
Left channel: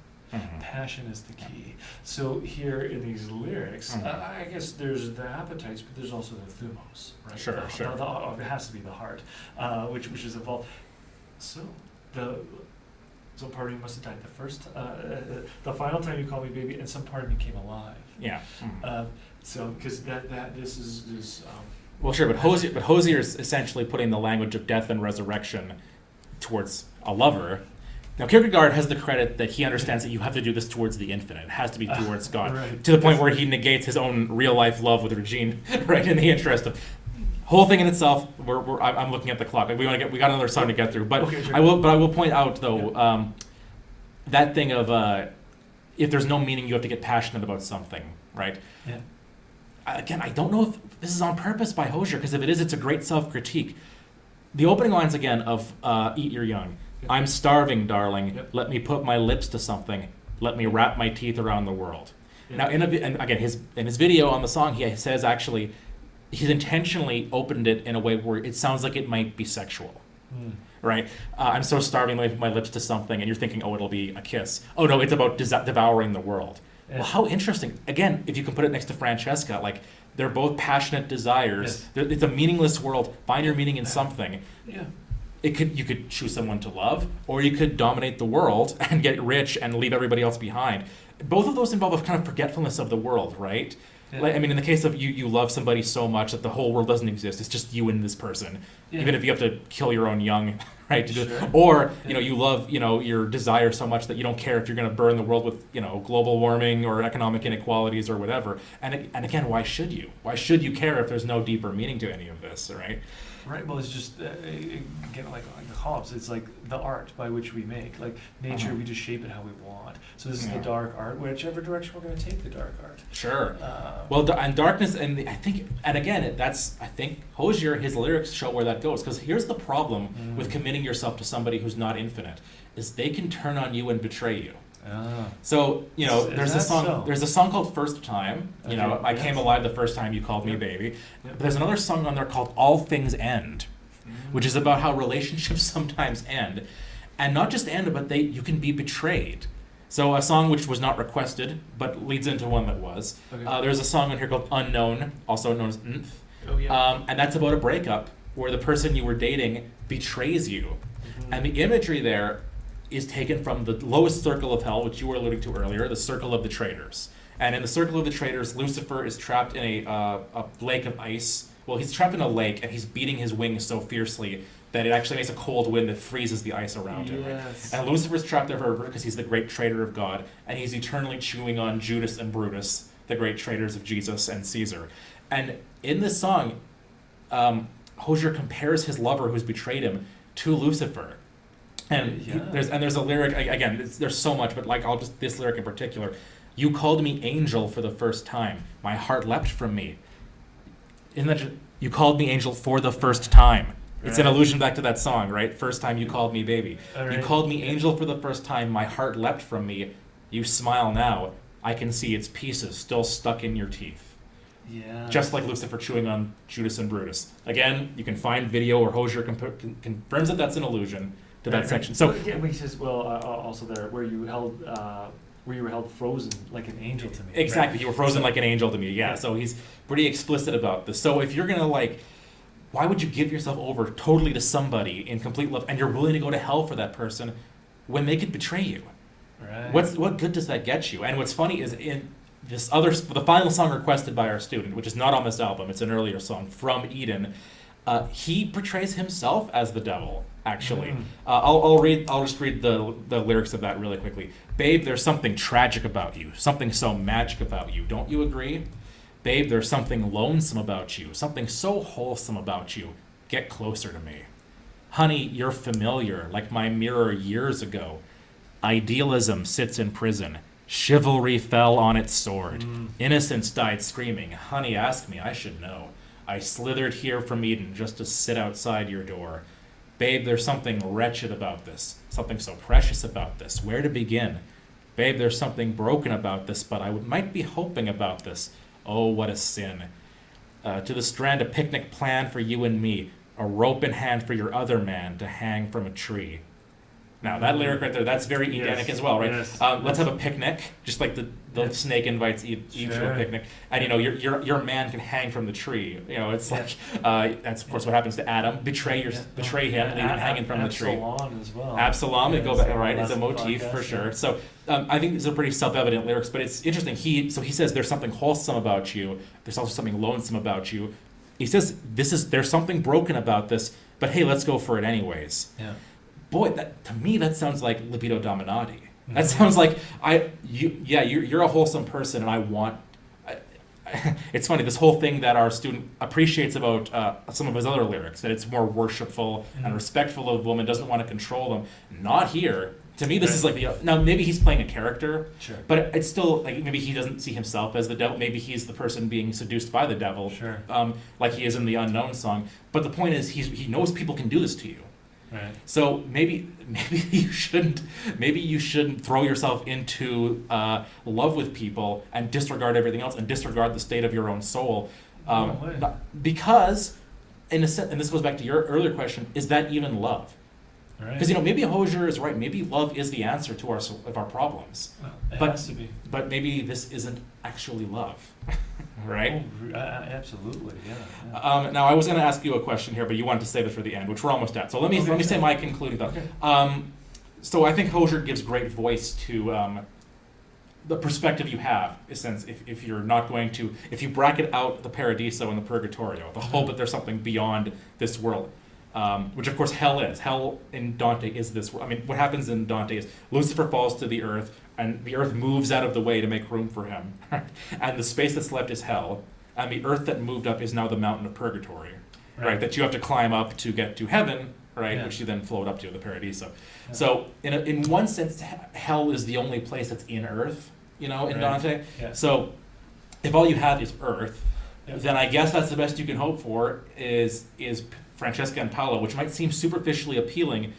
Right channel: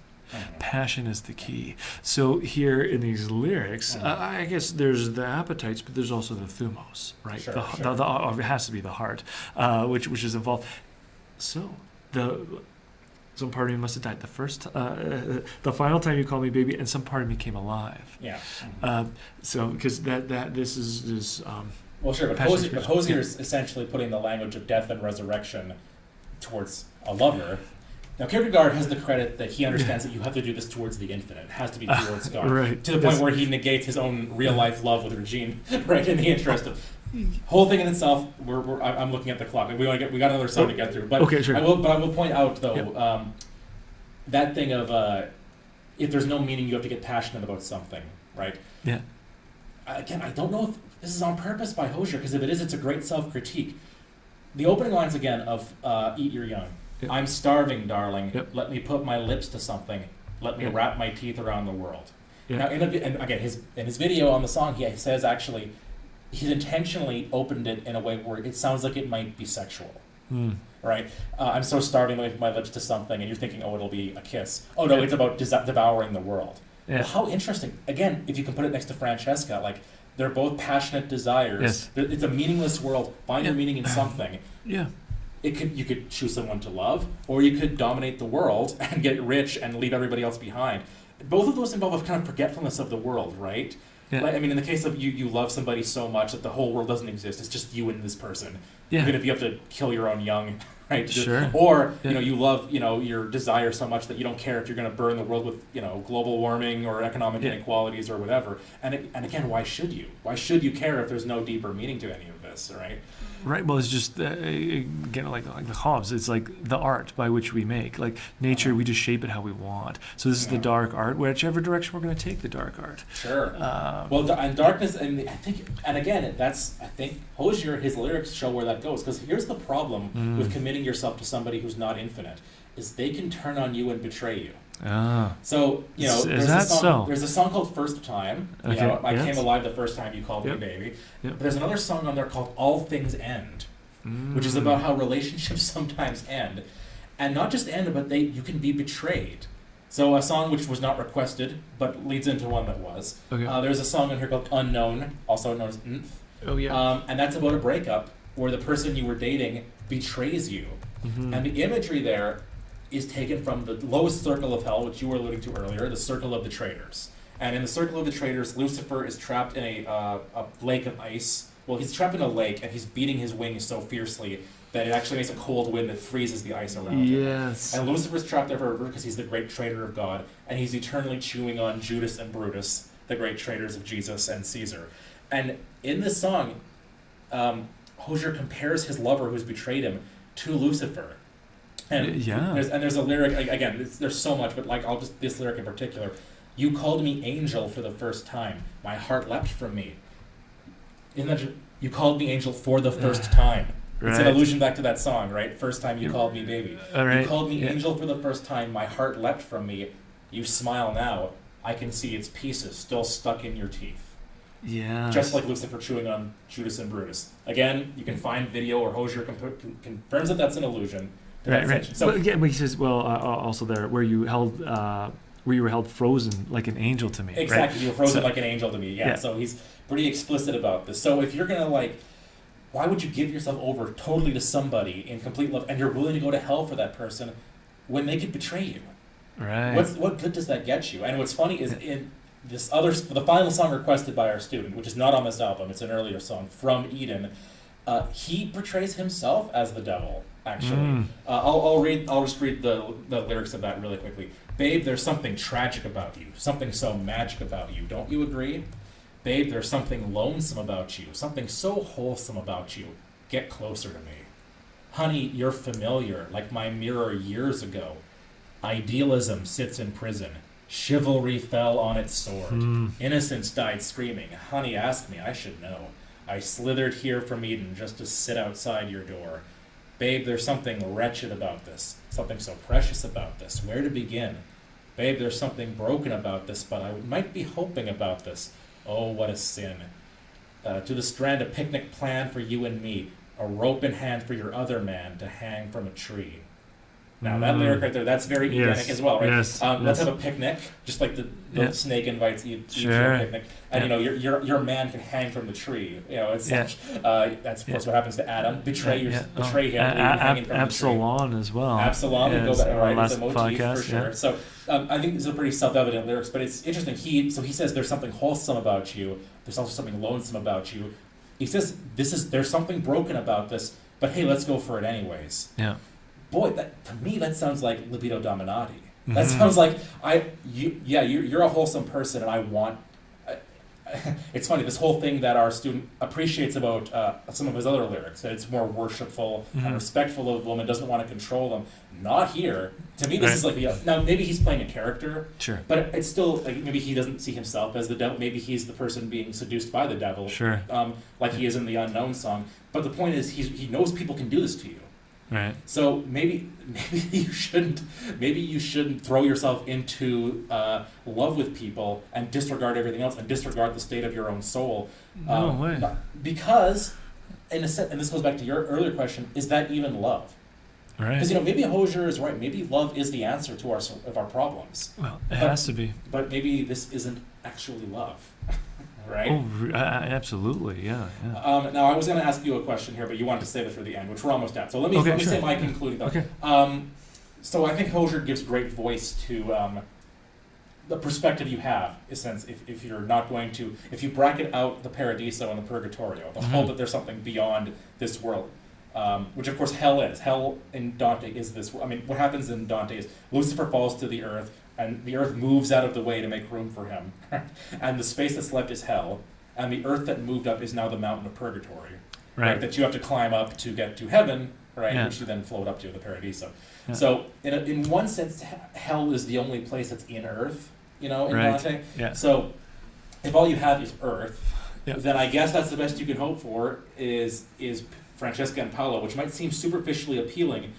Passion is the key. So here in these lyrics, I guess there's the appetites, but there's also the thumos, right? Sure. It has to be the heart, which is involved. So some part of me must have died the final time you called me baby, and some part of me came alive. Yeah. So because this is. Well, sure, but Hoizer is essentially putting the language of death and resurrection towards a lover. Now, Kierkegaard has the credit that he understands that you have to do this towards the infinite. It has to be towards God. Right. To the point where he negates his own real-life love with Regine, right, in the interest of... Whole thing in itself, I'm looking at the clock. We got another song to get through. But okay, sure. I will point out, though, that thing of if there's no meaning, you have to get passionate about something, right? Yeah. Again, I don't know if this is on purpose by Hoizer, because if it is, it's a great self-critique. The opening lines, again, of Eat Your Young. Yep. I'm starving, darling. Yep. Let me put my lips to something. Let me wrap my teeth around the world. Yep. Now, in his video on the song, he says actually, he's intentionally opened it in a way where it sounds like it might be sexual. Right? I'm so starving, let me put my lips to something, and you're thinking, oh, it'll be a kiss. Oh no, it's about devouring the world. Yeah. Well, how interesting. Again, if you can put it next to Francesca, like they're both passionate desires. Yes. It's a meaningless world. Find your meaning in something. Yeah. You could choose someone to love, or you could dominate the world and get rich and leave everybody else behind. Both of those involve a kind of forgetfulness of the world, right? Yeah. Like, I mean, in the case of you love somebody so much that the whole world doesn't exist. It's just you and this person. Yeah. Even if you have to kill your own young, right? Sure. Or you love your desire so much that you don't care if you're going to burn the world with global warming or economic inequalities or whatever. And again, why should you? Why should you care if there's no deeper meaning to any of this, right? Right. Well, it's just again like the Hobbes. It's like the art by which we make. Like nature, we just shape it how we want. So this is the dark art, whichever direction we're going to take the dark art. Sure. And darkness, and I think Hoizer, his lyrics show where that goes. Because here's the problem with committing yourself to somebody who's not infinite: is they can turn on you and betray you. So there's a song called First Time. I came alive the first time you called me baby. Yep. There's another song on there called All Things End, which is about how relationships sometimes end, and not just end, but you can be betrayed. So a song which was not requested, but leads into one that was. Okay. There's a song in here called Unknown, also known as Nth. Oh yeah. And that's about a breakup where the person you were dating betrays you, and the imagery there is taken from the lowest circle of hell, which you were alluding to earlier, the circle of the traitors. And in the circle of the traitors, Lucifer is trapped in a lake of ice Well, he's trapped in a lake, and he's beating his wings so fiercely that it actually makes a cold wind that freezes the ice around him. Yes. And Lucifer's trapped there forever because he's the great traitor of God, and he's eternally chewing on Judas and Brutus, the great traitors of Jesus and Caesar. And in this song, Hozier compares his lover who's betrayed him to Lucifer. And there's a lyric, again, there's so much, but like this lyric in particular. You called me angel for the first time. My heart leapt from me. You called me angel for the first time. Right. It's an allusion back to that song, right? First time you called me baby. Right. You called me angel for the first time. My heart leapt from me. You smile now. I can see its pieces still stuck in your teeth. Yeah. Just like Lucifer chewing on Judas and Brutus. Again, you can find video where Hozier confirms that that's an allusion to that section. So but he says, also there where you were held frozen like an angel to me. Exactly, right? you were frozen like an angel to me. Yeah. So he's pretty explicit about this. So if you're gonna why would you give yourself over totally to somebody in complete love, and you're willing to go to hell for that person when they could betray you? Right. What good does that get you? And what's funny is in the final song requested by our student, which is not on this album, it's an earlier song, From Eden, he portrays himself as the devil, actually. I'll just read the lyrics of that really quickly. Babe, there's something tragic about you, something so magic about you, don't you agree? Babe, there's something lonesome about you, something so wholesome about you. Get closer to me. Honey, you're familiar, like my mirror years ago. Idealism sits in prison. Chivalry fell on its sword. Innocence died screaming. Honey, ask me, I should know. I slithered here from Eden just to sit outside your door. Babe, there's something wretched about this, something so precious about this. Where to begin? Babe, there's something broken about this, but I might be hoping about this. Oh, what a sin. To the strand, a picnic plan for you and me, a rope in hand for your other man to hang from a tree. Now, that lyric right there, that's very Edenic as well, right? Yes. Let's have a picnic, just like the snake invites Eve to a picnic. And, your man can hang from the tree. It's that's, of course, what happens to Adam. Betray him, hanging from the tree. Absalom as well. Absalom, it's a motif for sure. Yeah. So I think these are pretty self-evident lyrics, but it's interesting. He says there's something wholesome about you. There's also something lonesome about you. He says there's something broken about this, but hey, let's go for it anyways. Yeah. Boy, to me that sounds like libido dominati. That sounds like you're a wholesome person, and I want. It's funny, this whole thing that our student appreciates about some of his other lyrics, that it's more worshipful and respectful of women, doesn't want to control them. Not here. To me, this is like now maybe he's playing a character, sure, but it's still like maybe he doesn't see himself as the devil. Maybe he's the person being seduced by the devil, sure, like he is in the Unknown song. But the point is, he knows people can do this to you. Right. So maybe you shouldn't throw yourself into love with people and disregard everything else and disregard the state of your own soul. No way. Because, in a sense, and this goes back to your earlier question, is that even love? Right. Because maybe Hozier is right. Maybe love is the answer to our problems. Well, it has to be. But maybe this isn't actually love. Right? Oh, absolutely, yeah. Now, I was going to ask you a question here, but you wanted to save it for the end, which we're almost at. So let me say my concluding thought. Okay. So I think Hozier gives great voice to the perspective you have, in a sense, if you're not going to, if you bracket out the Paradiso and the Purgatorio, the hope that there's something beyond this world, which of course hell is. Hell in Dante is this world. I mean, what happens in Dante is Lucifer falls to the earth, and the earth moves out of the way to make room for him. And the space that's left is hell. And the earth that moved up is now the mountain of purgatory. Right? That you have to climb up to get to heaven, right? Yeah. Which you then float up to, the Paradiso. Yeah. So in one sense, hell is the only place that's in earth, in Dante. Yeah. So if all you have is earth, then I guess that's the best you can hope for is Francesca and Paolo, which might seem superficially appealing,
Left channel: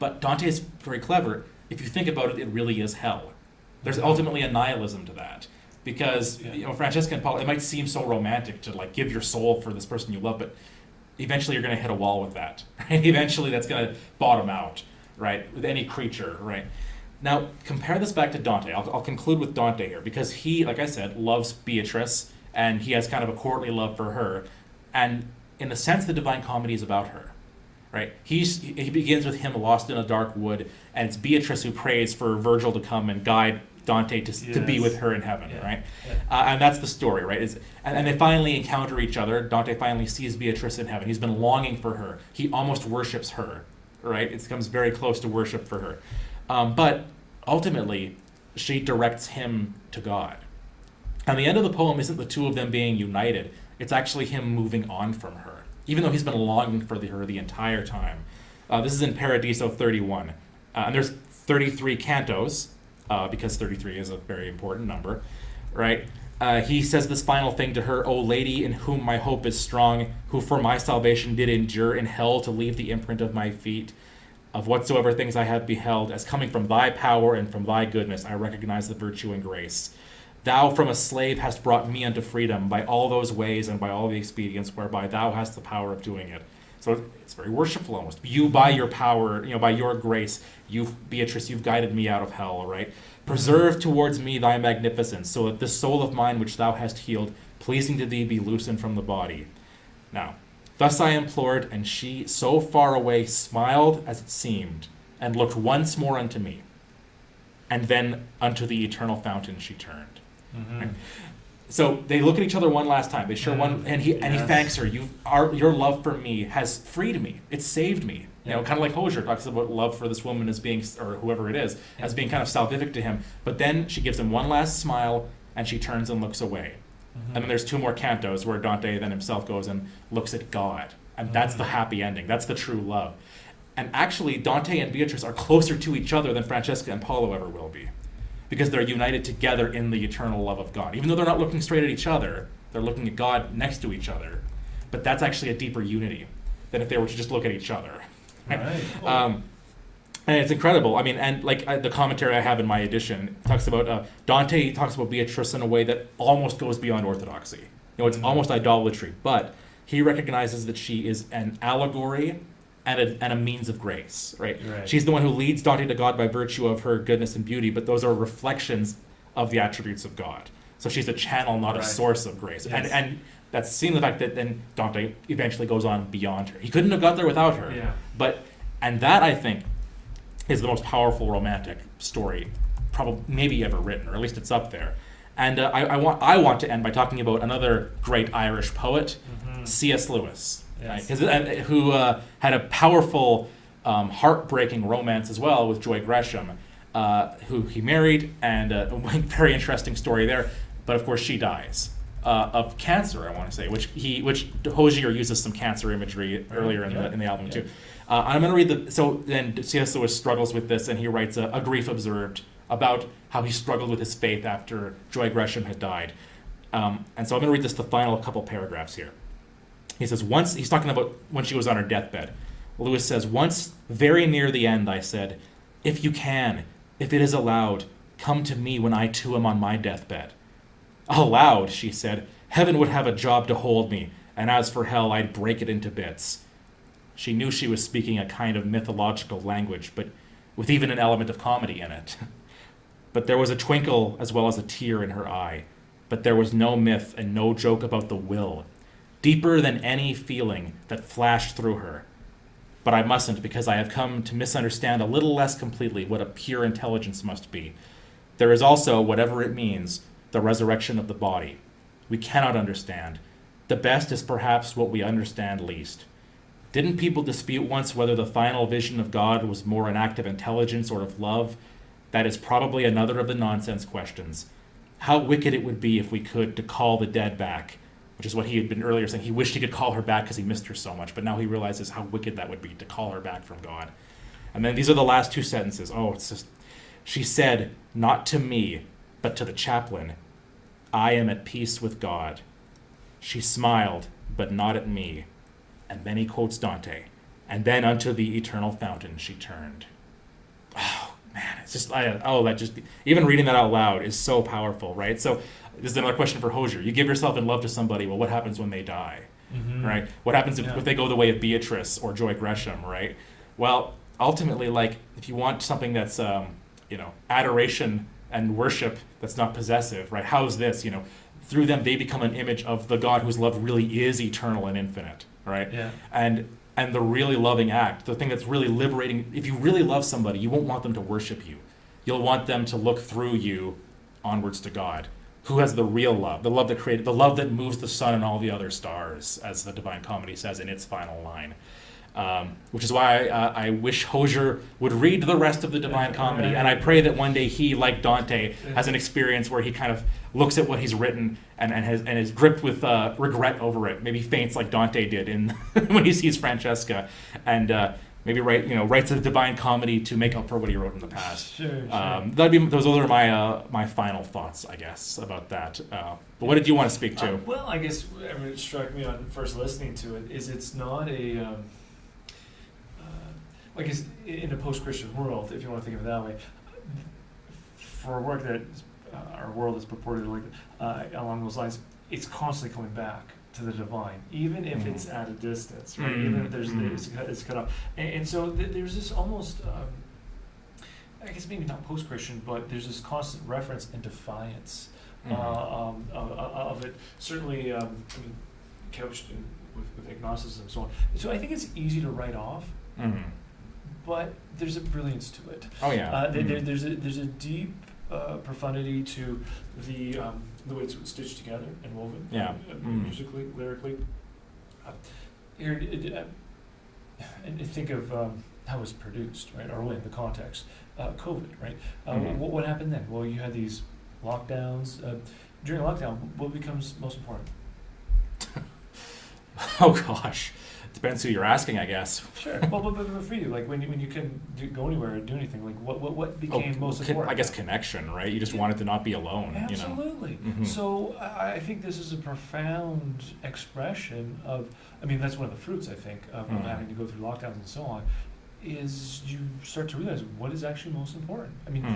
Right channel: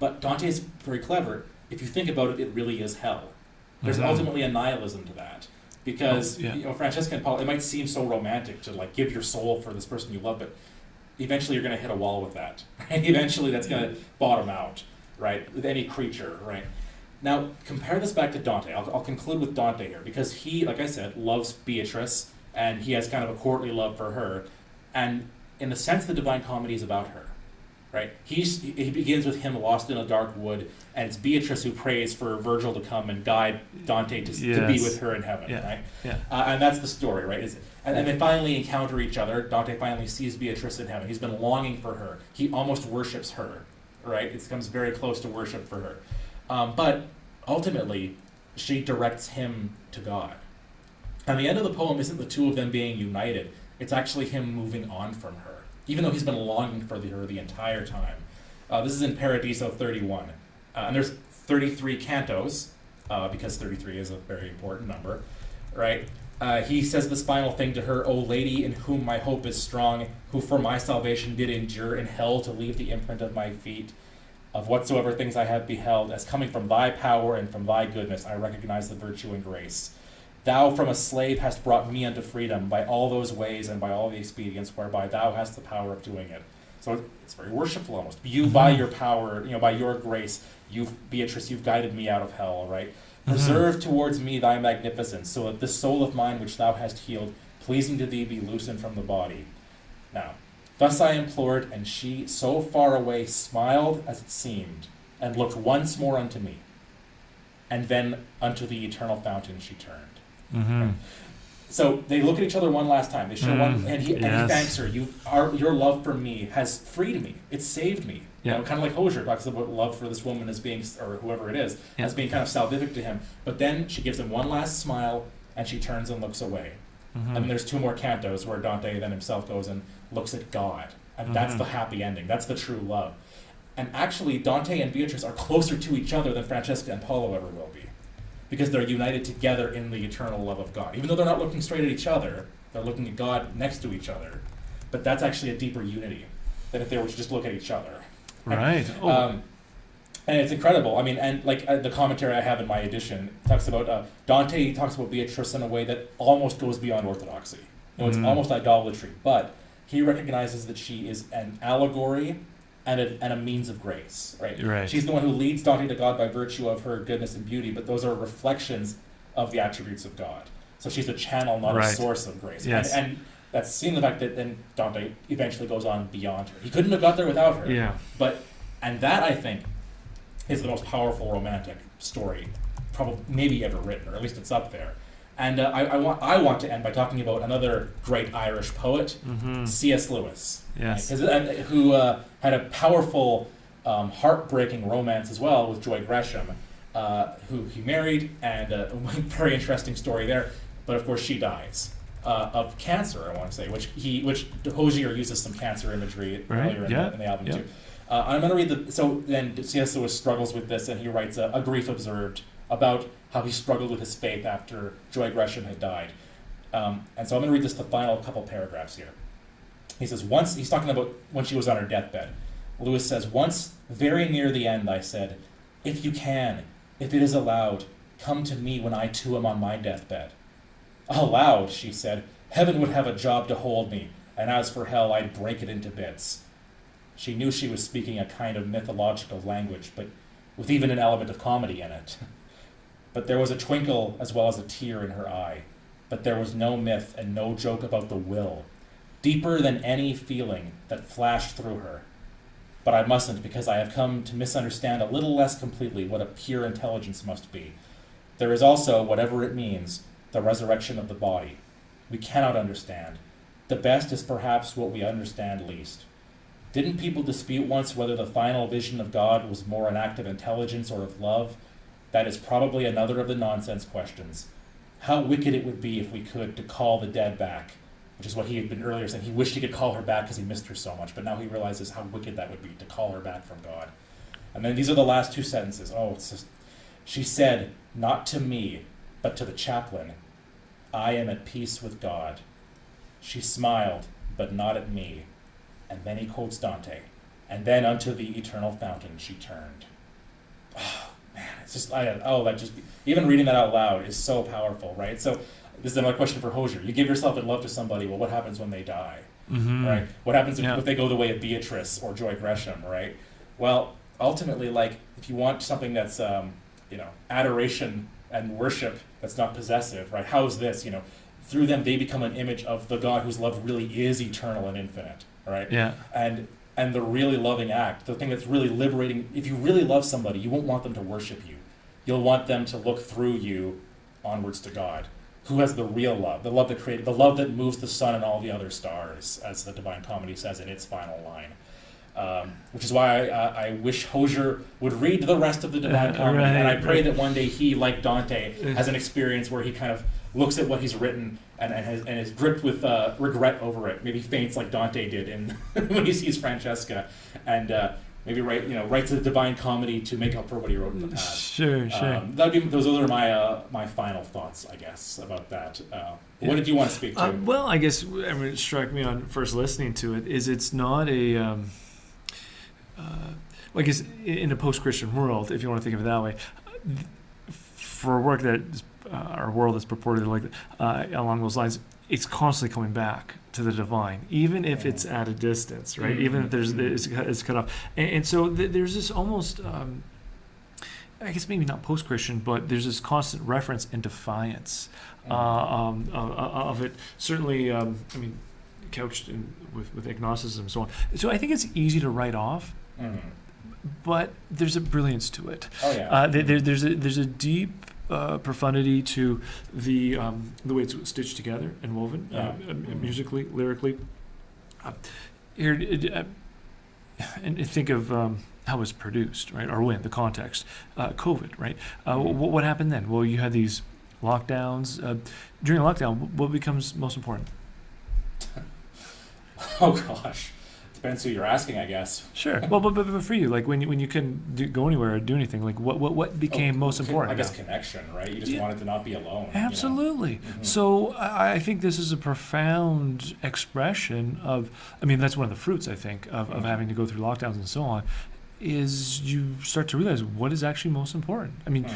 but Dante is very clever. If you think about it, it really is hell. There's ultimately a nihilism to that, because Francesca and Paolo, it might seem so romantic to give your soul for this person you love, but eventually you're going to hit a wall with that. Right? Eventually that's going to bottom out, right? With any creature, right? Now compare this back to Dante. I'll conclude with Dante here, because he, like I said, loves Beatrice, and he has kind of a courtly love for her, and in a sense, the Divine Comedy is about her. right? He begins with him lost in a dark wood, and it's Beatrice who prays for Virgil to come and guide Dante to be with her in heaven, right? Yeah. And that's the story, right? And they finally encounter each other. Dante finally sees Beatrice in heaven. He's been longing for her. He almost worships her, right? It comes very close to worship for her. But ultimately, she directs him to God. And the end of the poem isn't the two of them being united. It's actually him moving on from her, even though he's been longing for her the entire time. This is in Paradiso 31. And there's 33 cantos, because 33 is a very important number, right? He says this final thing to her, O lady, in whom my hope is strong, who for my salvation did endure in hell to leave the imprint of my feet. Of whatsoever things I have beheld, as coming from thy power and from thy goodness, I recognize the virtue and grace. Thou from a slave hast brought me unto freedom by all those ways and by all the expedients whereby thou hast the power of doing it. So it's very worshipful almost. You, by your power, by your grace, Beatrice, you've guided me out of hell, right? Preserve towards me thy magnificence, so that this soul of mine which thou hast healed, pleasing to thee, be loosened from the body. Now, thus I implored, and she, so far away, smiled as it seemed, and looked once more unto me. And then unto the eternal fountain she turned. Mm-hmm. So they look at each other one last time. They share one, and he thanks her. Your love for me has freed me. It's saved me. Yeah. Kind of like Hoizer talks about love for this woman as being, or whoever it is, as being kind of salvific to him. But then she gives him one last smile, and she turns and looks away. And then there's two more cantos where Dante then himself goes and looks at God. And that's the happy ending. That's the true love. And actually, Dante and Beatrice are closer to each other than Francesca and Paolo ever will be, because they're united together in the eternal love of God. Even though they're not looking straight at each other, they're looking at God next to each other. But that's actually a deeper unity than if they were to just look at each other. Right. And it's incredible. I mean, and like the commentary I have in my edition talks about, Dante talks about Beatrice in a way that almost goes beyond orthodoxy. It's almost idolatry, but he recognizes that she is an allegory and a means of grace, right? She's the one who leads Dante to God by virtue of her goodness and beauty, but those are reflections of the attributes of God. So she's a channel, not a source of grace. Yes. And that's seeing the fact that then Dante eventually goes on beyond her. He couldn't have got there without her. Yeah. And that, I think, is the most powerful romantic story probably maybe ever written, or at least it's up there. And I want to end by talking about another great Irish poet, C.S. Lewis, who had a powerful, heartbreaking romance as well with Joy Gresham, who he married, and a very interesting story there. But of course, she dies of cancer, I want to say, which Hozier uses some cancer imagery earlier in the album too. I'm going to read so then C.S. Lewis struggles with this, and he writes a grief observed about how he struggled with his faith after Joy Gresham had died. And so I'm going to read the final couple paragraphs here. He says, once, he's talking about when she was on her deathbed. Lewis says, once, very near the end, I said, if you can, if it is allowed, come to me when I too am on my deathbed. Allowed, she said, heaven would have a job to hold me, and as for hell, I'd break it into bits. She knew she was speaking a kind of mythological language, but with even an element of comedy in it. But there was a twinkle as well as a tear in her eye. But there was no myth and no joke about the will, deeper than any feeling that flashed through her. But I mustn't, because I have come to misunderstand a little less completely what a pure intelligence must be. There is also, whatever it means, the resurrection of the body. We cannot understand. The best is perhaps what we understand least. Didn't people dispute once whether the final vision of God was more an act of intelligence or of love? That is probably another of the nonsense questions. How wicked it would be if we could to call the dead back, which is what he had been earlier saying. He wished he could call her back because he missed her so much, but now he realizes how wicked that would be to call her back from God. And then these are the last two sentences. It's just, she said, not to me, but to the chaplain, I am at peace with God. She smiled, but not at me. And then he quotes Dante, and then unto the eternal fountain she turned. Oh man, it's just even reading that out loud is so powerful, right? So this is another question for Hozier. You give yourself in love to somebody, well, what happens when they die, right? What happens if they go the way of Beatrice or Joy Gresham, right? Well, ultimately, like if you want something that's adoration and worship that's not possessive, right? How is this? Through them they become an image of the God whose love really is eternal and infinite. Right? Yeah. And and the really loving act, the thing that's really liberating. If you really love somebody, you won't want them to worship you. You'll want them to look through you onwards to God, who has the real love, the love that created, the love that moves the sun and all the other stars, as the Divine Comedy says in its final line. Which is why I wish Hoizer would read the rest of the Divine Comedy, and I pray that one day he, like Dante, has an experience where he kind of looks at what he's written and is gripped with regret over it. Maybe faints like Dante did in when he sees Francesca, and maybe writes a Divine Comedy to make up for what he wrote in the past. Sure. Those are my final thoughts, I guess, about that. What did you want to speak to? Well, I guess it struck me on first listening to it is it's not a. I guess in a post-Christian world, if you want to think of it that way, for a work that our world is purported like along those lines, it's constantly coming back to the divine, even if it's at a distance, right? Even if it's cut off, and so there's this almost, I guess maybe not post-Christian, but there's this constant reference and defiance of it. Certainly, couched with agnosticism and so on. So I think it's easy to write off. But there's a brilliance to it. Oh yeah. There's a deep profundity to the way it's stitched together and woven, musically, lyrically. And think of how it's produced, right? Or when the context, COVID, right? What happened then? Well, you had these lockdowns. During a lockdown, what becomes most important? Oh gosh. Depends who you're asking, I guess. Sure. Well, but for you, like when you couldn't go anywhere or do anything, like what became most important? I guess connection, right? You just wanted to not be alone. Absolutely. You know? So I think this is a profound expression of. I mean, that's one of the fruits I think of having to go through lockdowns and so on. Is you start to realize what is actually most important. I mean.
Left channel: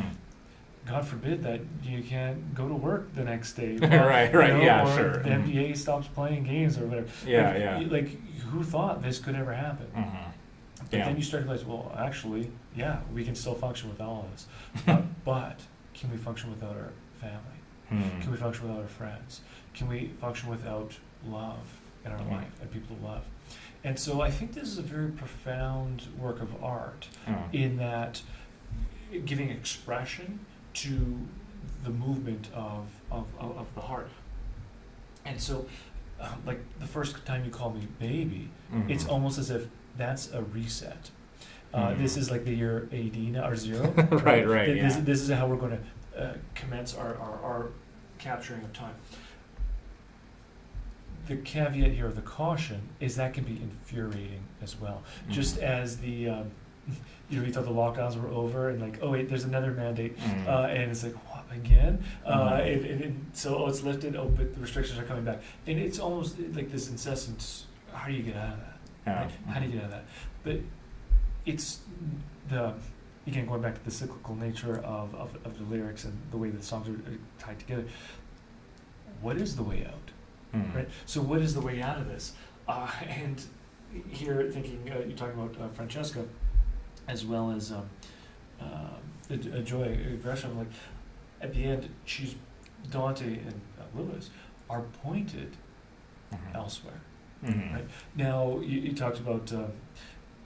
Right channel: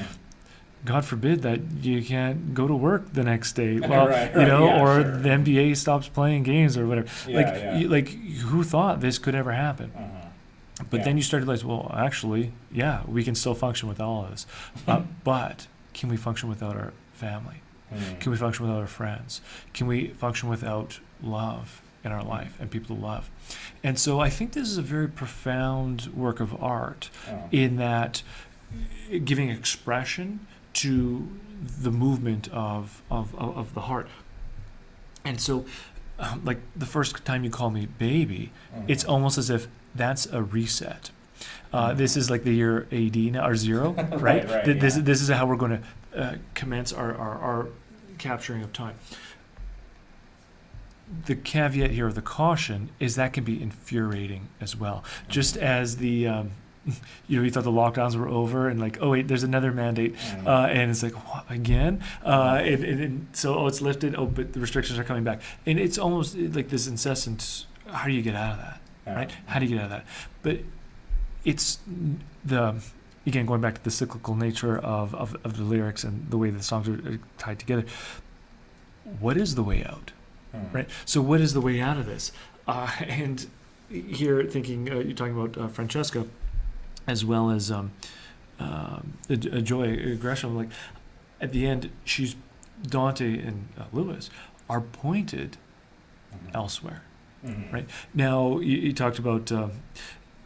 God forbid that you can't go to work the next day, Right, or the NBA stops playing games or whatever. Like who thought this could ever happen? But then you start to realize, well, actually, we can still function with all of this. But can we function without our family? Can we function without our friends? Can we function without love in our life and people to love? And so I think this is a very profound work of art in that giving expression to the movement of the heart. And so like the first time you call me baby, it's almost as if that's a reset. This is like the year AD now, or zero, right? This is how we're going to commence our capturing of time. The caveat here, the caution, is that can be infuriating as well. Just as the you thought the lockdowns were over, and like, oh wait, there's another mandate, and it's like, what, again? And so it's lifted. Oh, but the restrictions are coming back, and it's almost like this incessant. How do you get out of that? Right? How do you get out of that? But it's again going back to the cyclical nature of the lyrics and the way the songs are tied together. What is the way out? Right. So what is the way out of this? And here, thinking you're talking about Francesca, as well as Joy Gresham. Like at the end, Dante and Lewis are pointed elsewhere. Right now, you talked about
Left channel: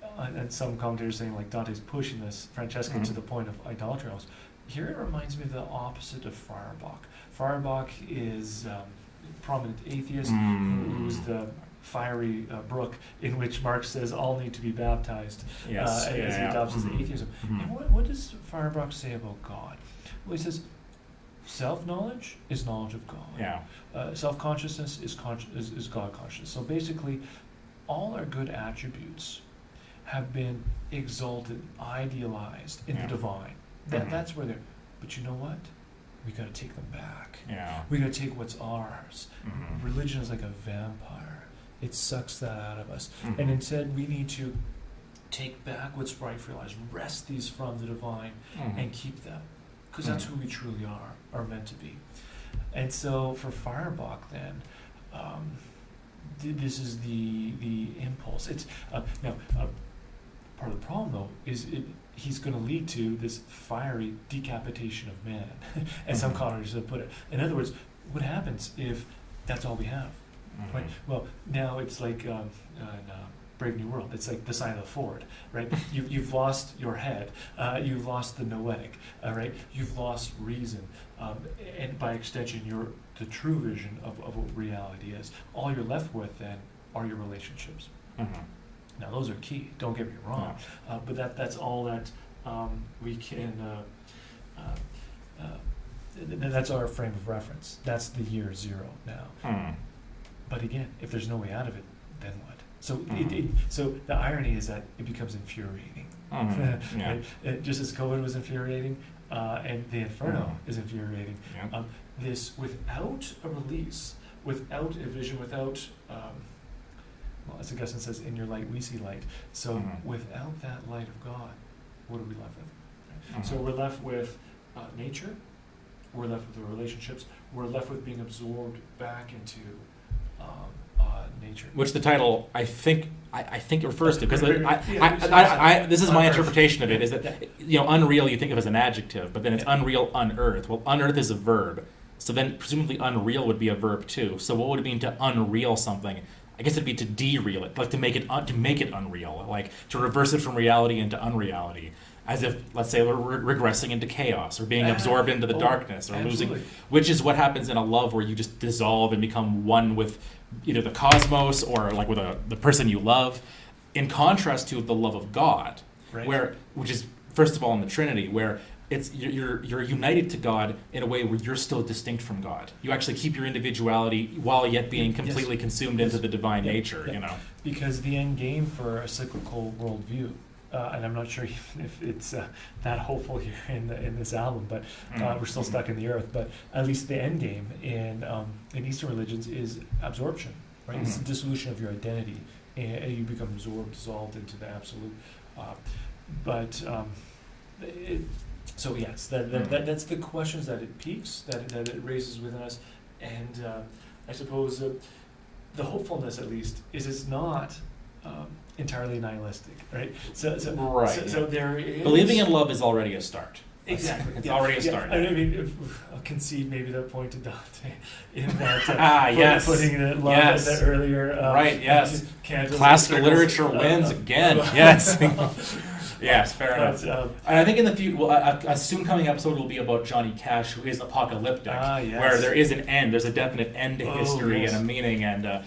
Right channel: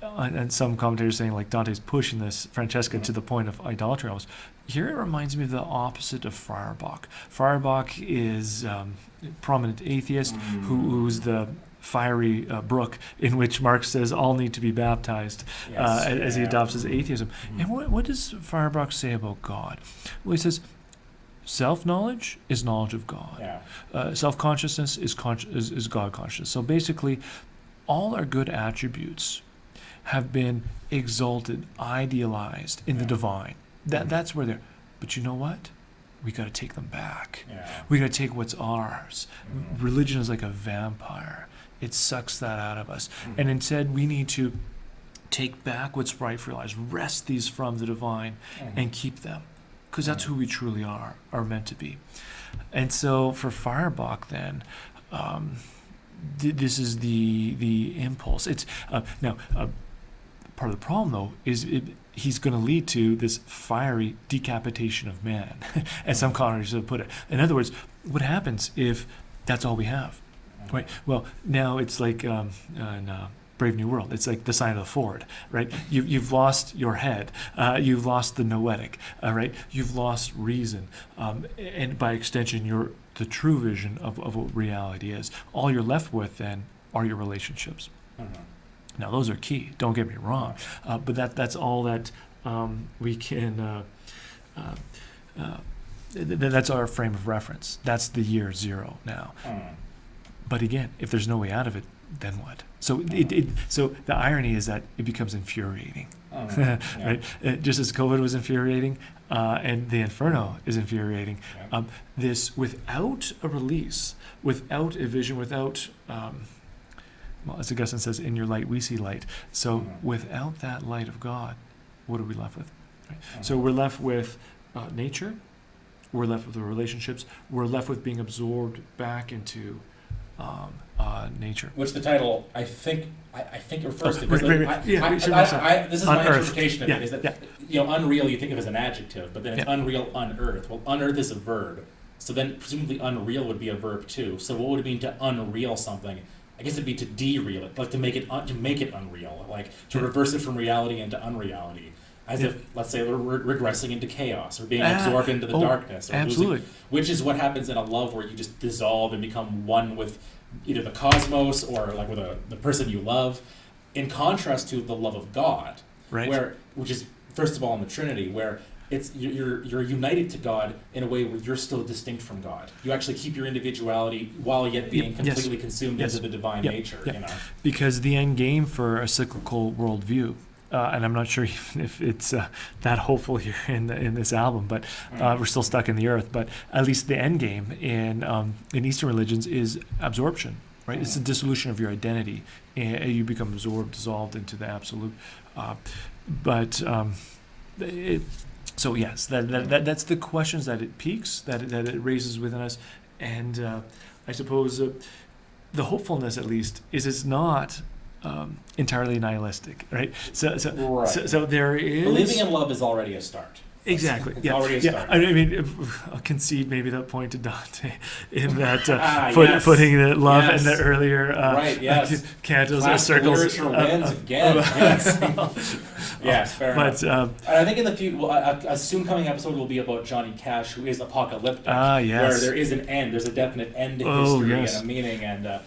and some commentators saying like Dante's pushing this Francesca to the point of idolatry. Almost. Here it reminds me of the opposite of Feuerbach. Feuerbach is prominent atheist who's the fiery brook in which Marx says all need to be baptized as he adopts his atheism. And what does Feuerbach say about God? Well, he says self-knowledge is knowledge of God. Self-consciousness is God consciousness. So basically, all our good attributes have been exalted, idealized in the divine. That's where they're. But you know what? We got to take them back. We got to take what's ours. Religion is like a vampire. It sucks that out of us. And instead, we need to take back what's rightfully ours, wrest these from the divine, and keep them. Because that's who we truly are meant to be. And so for Feuerbach, then, this is the impulse. It's now part of the problem, though, is he's going to lead to this fiery decapitation of man, as some commentators have put it. In other words, what happens if that's all we have? Right. Well, now it's like in Brave New World. It's like the sign of the Ford, right? You've lost your head. You've lost the noetic, right? You've lost reason. And by extension, the true vision of what reality is. All you're left with then are your relationships. Now, those are key. Don't get me wrong. But that's all that we can... that's our frame of reference. That's the year zero now. But again, if there's no way out of it, then what? So so the irony is that it becomes infuriating. Right? Just as COVID was infuriating, and the Inferno is infuriating. This, without a release, without a vision, without, well, as Augustine says, in your light we see light. So without that light of God, what are we left with? Right? So we're left with nature. We're left with the relationships. We're left with being absorbed back into nature. Which the title, I think refers to. Because this is my Unearth. interpretation of it. Is that unreal you think of as an adjective, but then it's Unreal Unearth. Well, unearth is a verb, so then presumably unreal would be a verb too. So what would it mean to unreal something? I guess it'd be to dereel it, like to make it unreal, like to reverse it from reality into unreality. As if, let's say, we're regressing into chaos or being absorbed into the darkness, or losing, which is what happens in a love where you just dissolve and become one with either the cosmos or like with the person you love. In contrast to the love of God, right? Which is first of all in the Trinity, where it's you're united to God in a way where you're still distinct from God. You actually keep your individuality while yet being completely consumed into the divine nature. Because the end game for a cyclical worldview. And I'm not sure even if it's that hopeful here in this album, but we're still stuck in the earth. But at least the end game in Eastern religions is absorption, right? It's the dissolution of your identity, and you become absorbed, dissolved into the absolute. So yes, that's the questions that it piques, that it raises within us, and I suppose the hopefulness, at least, is it's not. Entirely nihilistic, right? So there is... Believing in love is already a start. Exactly. It's already a start. I mean, I'll concede maybe that point to Dante in that putting the love in the earlier cantos. Classical literature wins again. Yes, fair enough. And I think in the future, a soon coming episode will be about Johnny Cash, who is apocalyptic, where there is an end. There's a definite end to history and a meaning, and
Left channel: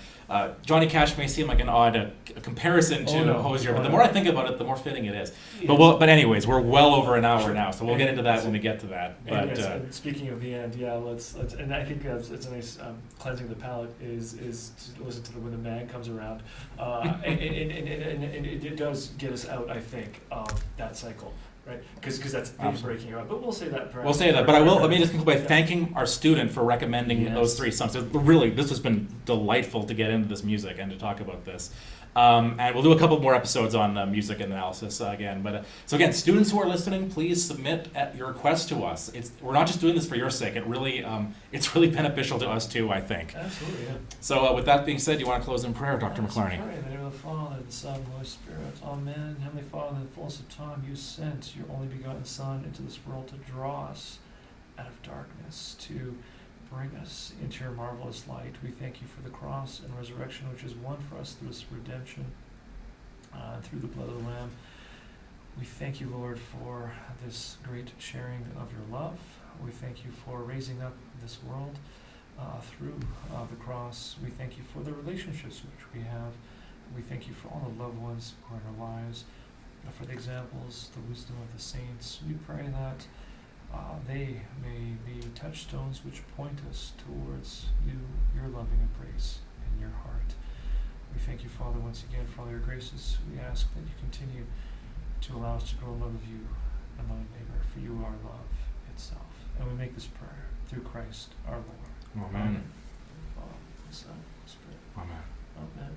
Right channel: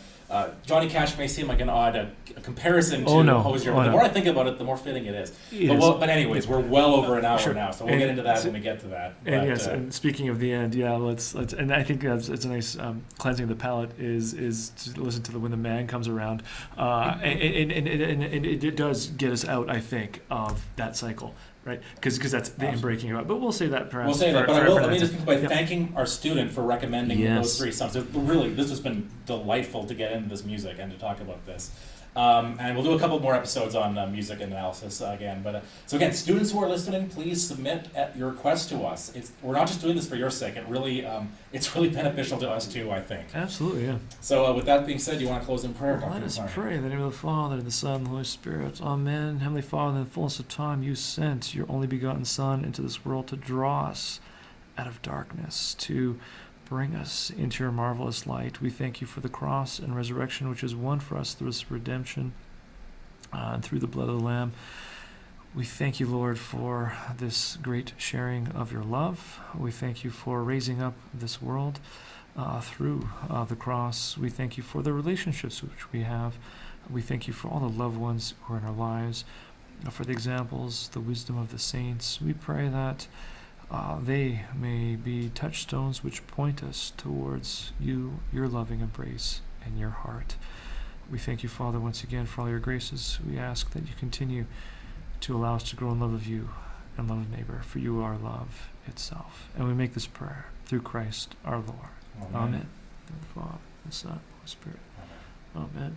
Johnny Cash may seem like an odd comparison to Hoizer, but the more I think about it, the more fitting it is. But anyways, we're well over an hour now, so we'll get into that when we get to that. And speaking of the end, let's and I think it's a nice cleansing of the palate is to listen to when the man comes around, and it does get us out, I think, of that cycle. Right, because that's the breaking it up. But we'll say that perhaps. We'll say that, but let me just conclude by thanking our student for recommending those three songs. Really, this has been delightful to get into this music and to talk about this. And we'll do a couple more episodes on music analysis again. But so again, students who are listening, please submit your requests to us. We're not just doing this for your sake. It's really beneficial to us too, I think. Absolutely, yeah. So with that being said, you want to close in prayer, Dr. McLarney? Let us pray in the name of the Father, the Son, and the Holy Spirit. Amen. Heavenly Father, in the fullness of time, you sent your only begotten Son into this world to draw us out of darkness, to bring us into your marvelous light. We thank you for the cross and resurrection, which is won for us through this redemption and through the blood of the Lamb. We thank you, Lord, for this great sharing of your love. We thank you for raising up this world through the cross. We thank you for the relationships which we have. We thank you for all the loved ones who are in our lives, for the examples, the wisdom of the saints. We pray that they may be touchstones which point us towards you, your loving embrace, and your heart. We thank you, Father, once again for all your graces. We ask that you continue to allow us to grow in love of you and love of neighbor, for you are love itself. And we make this prayer through Christ our Lord. Amen. The Father, the Son, the Spirit. Amen. Amen.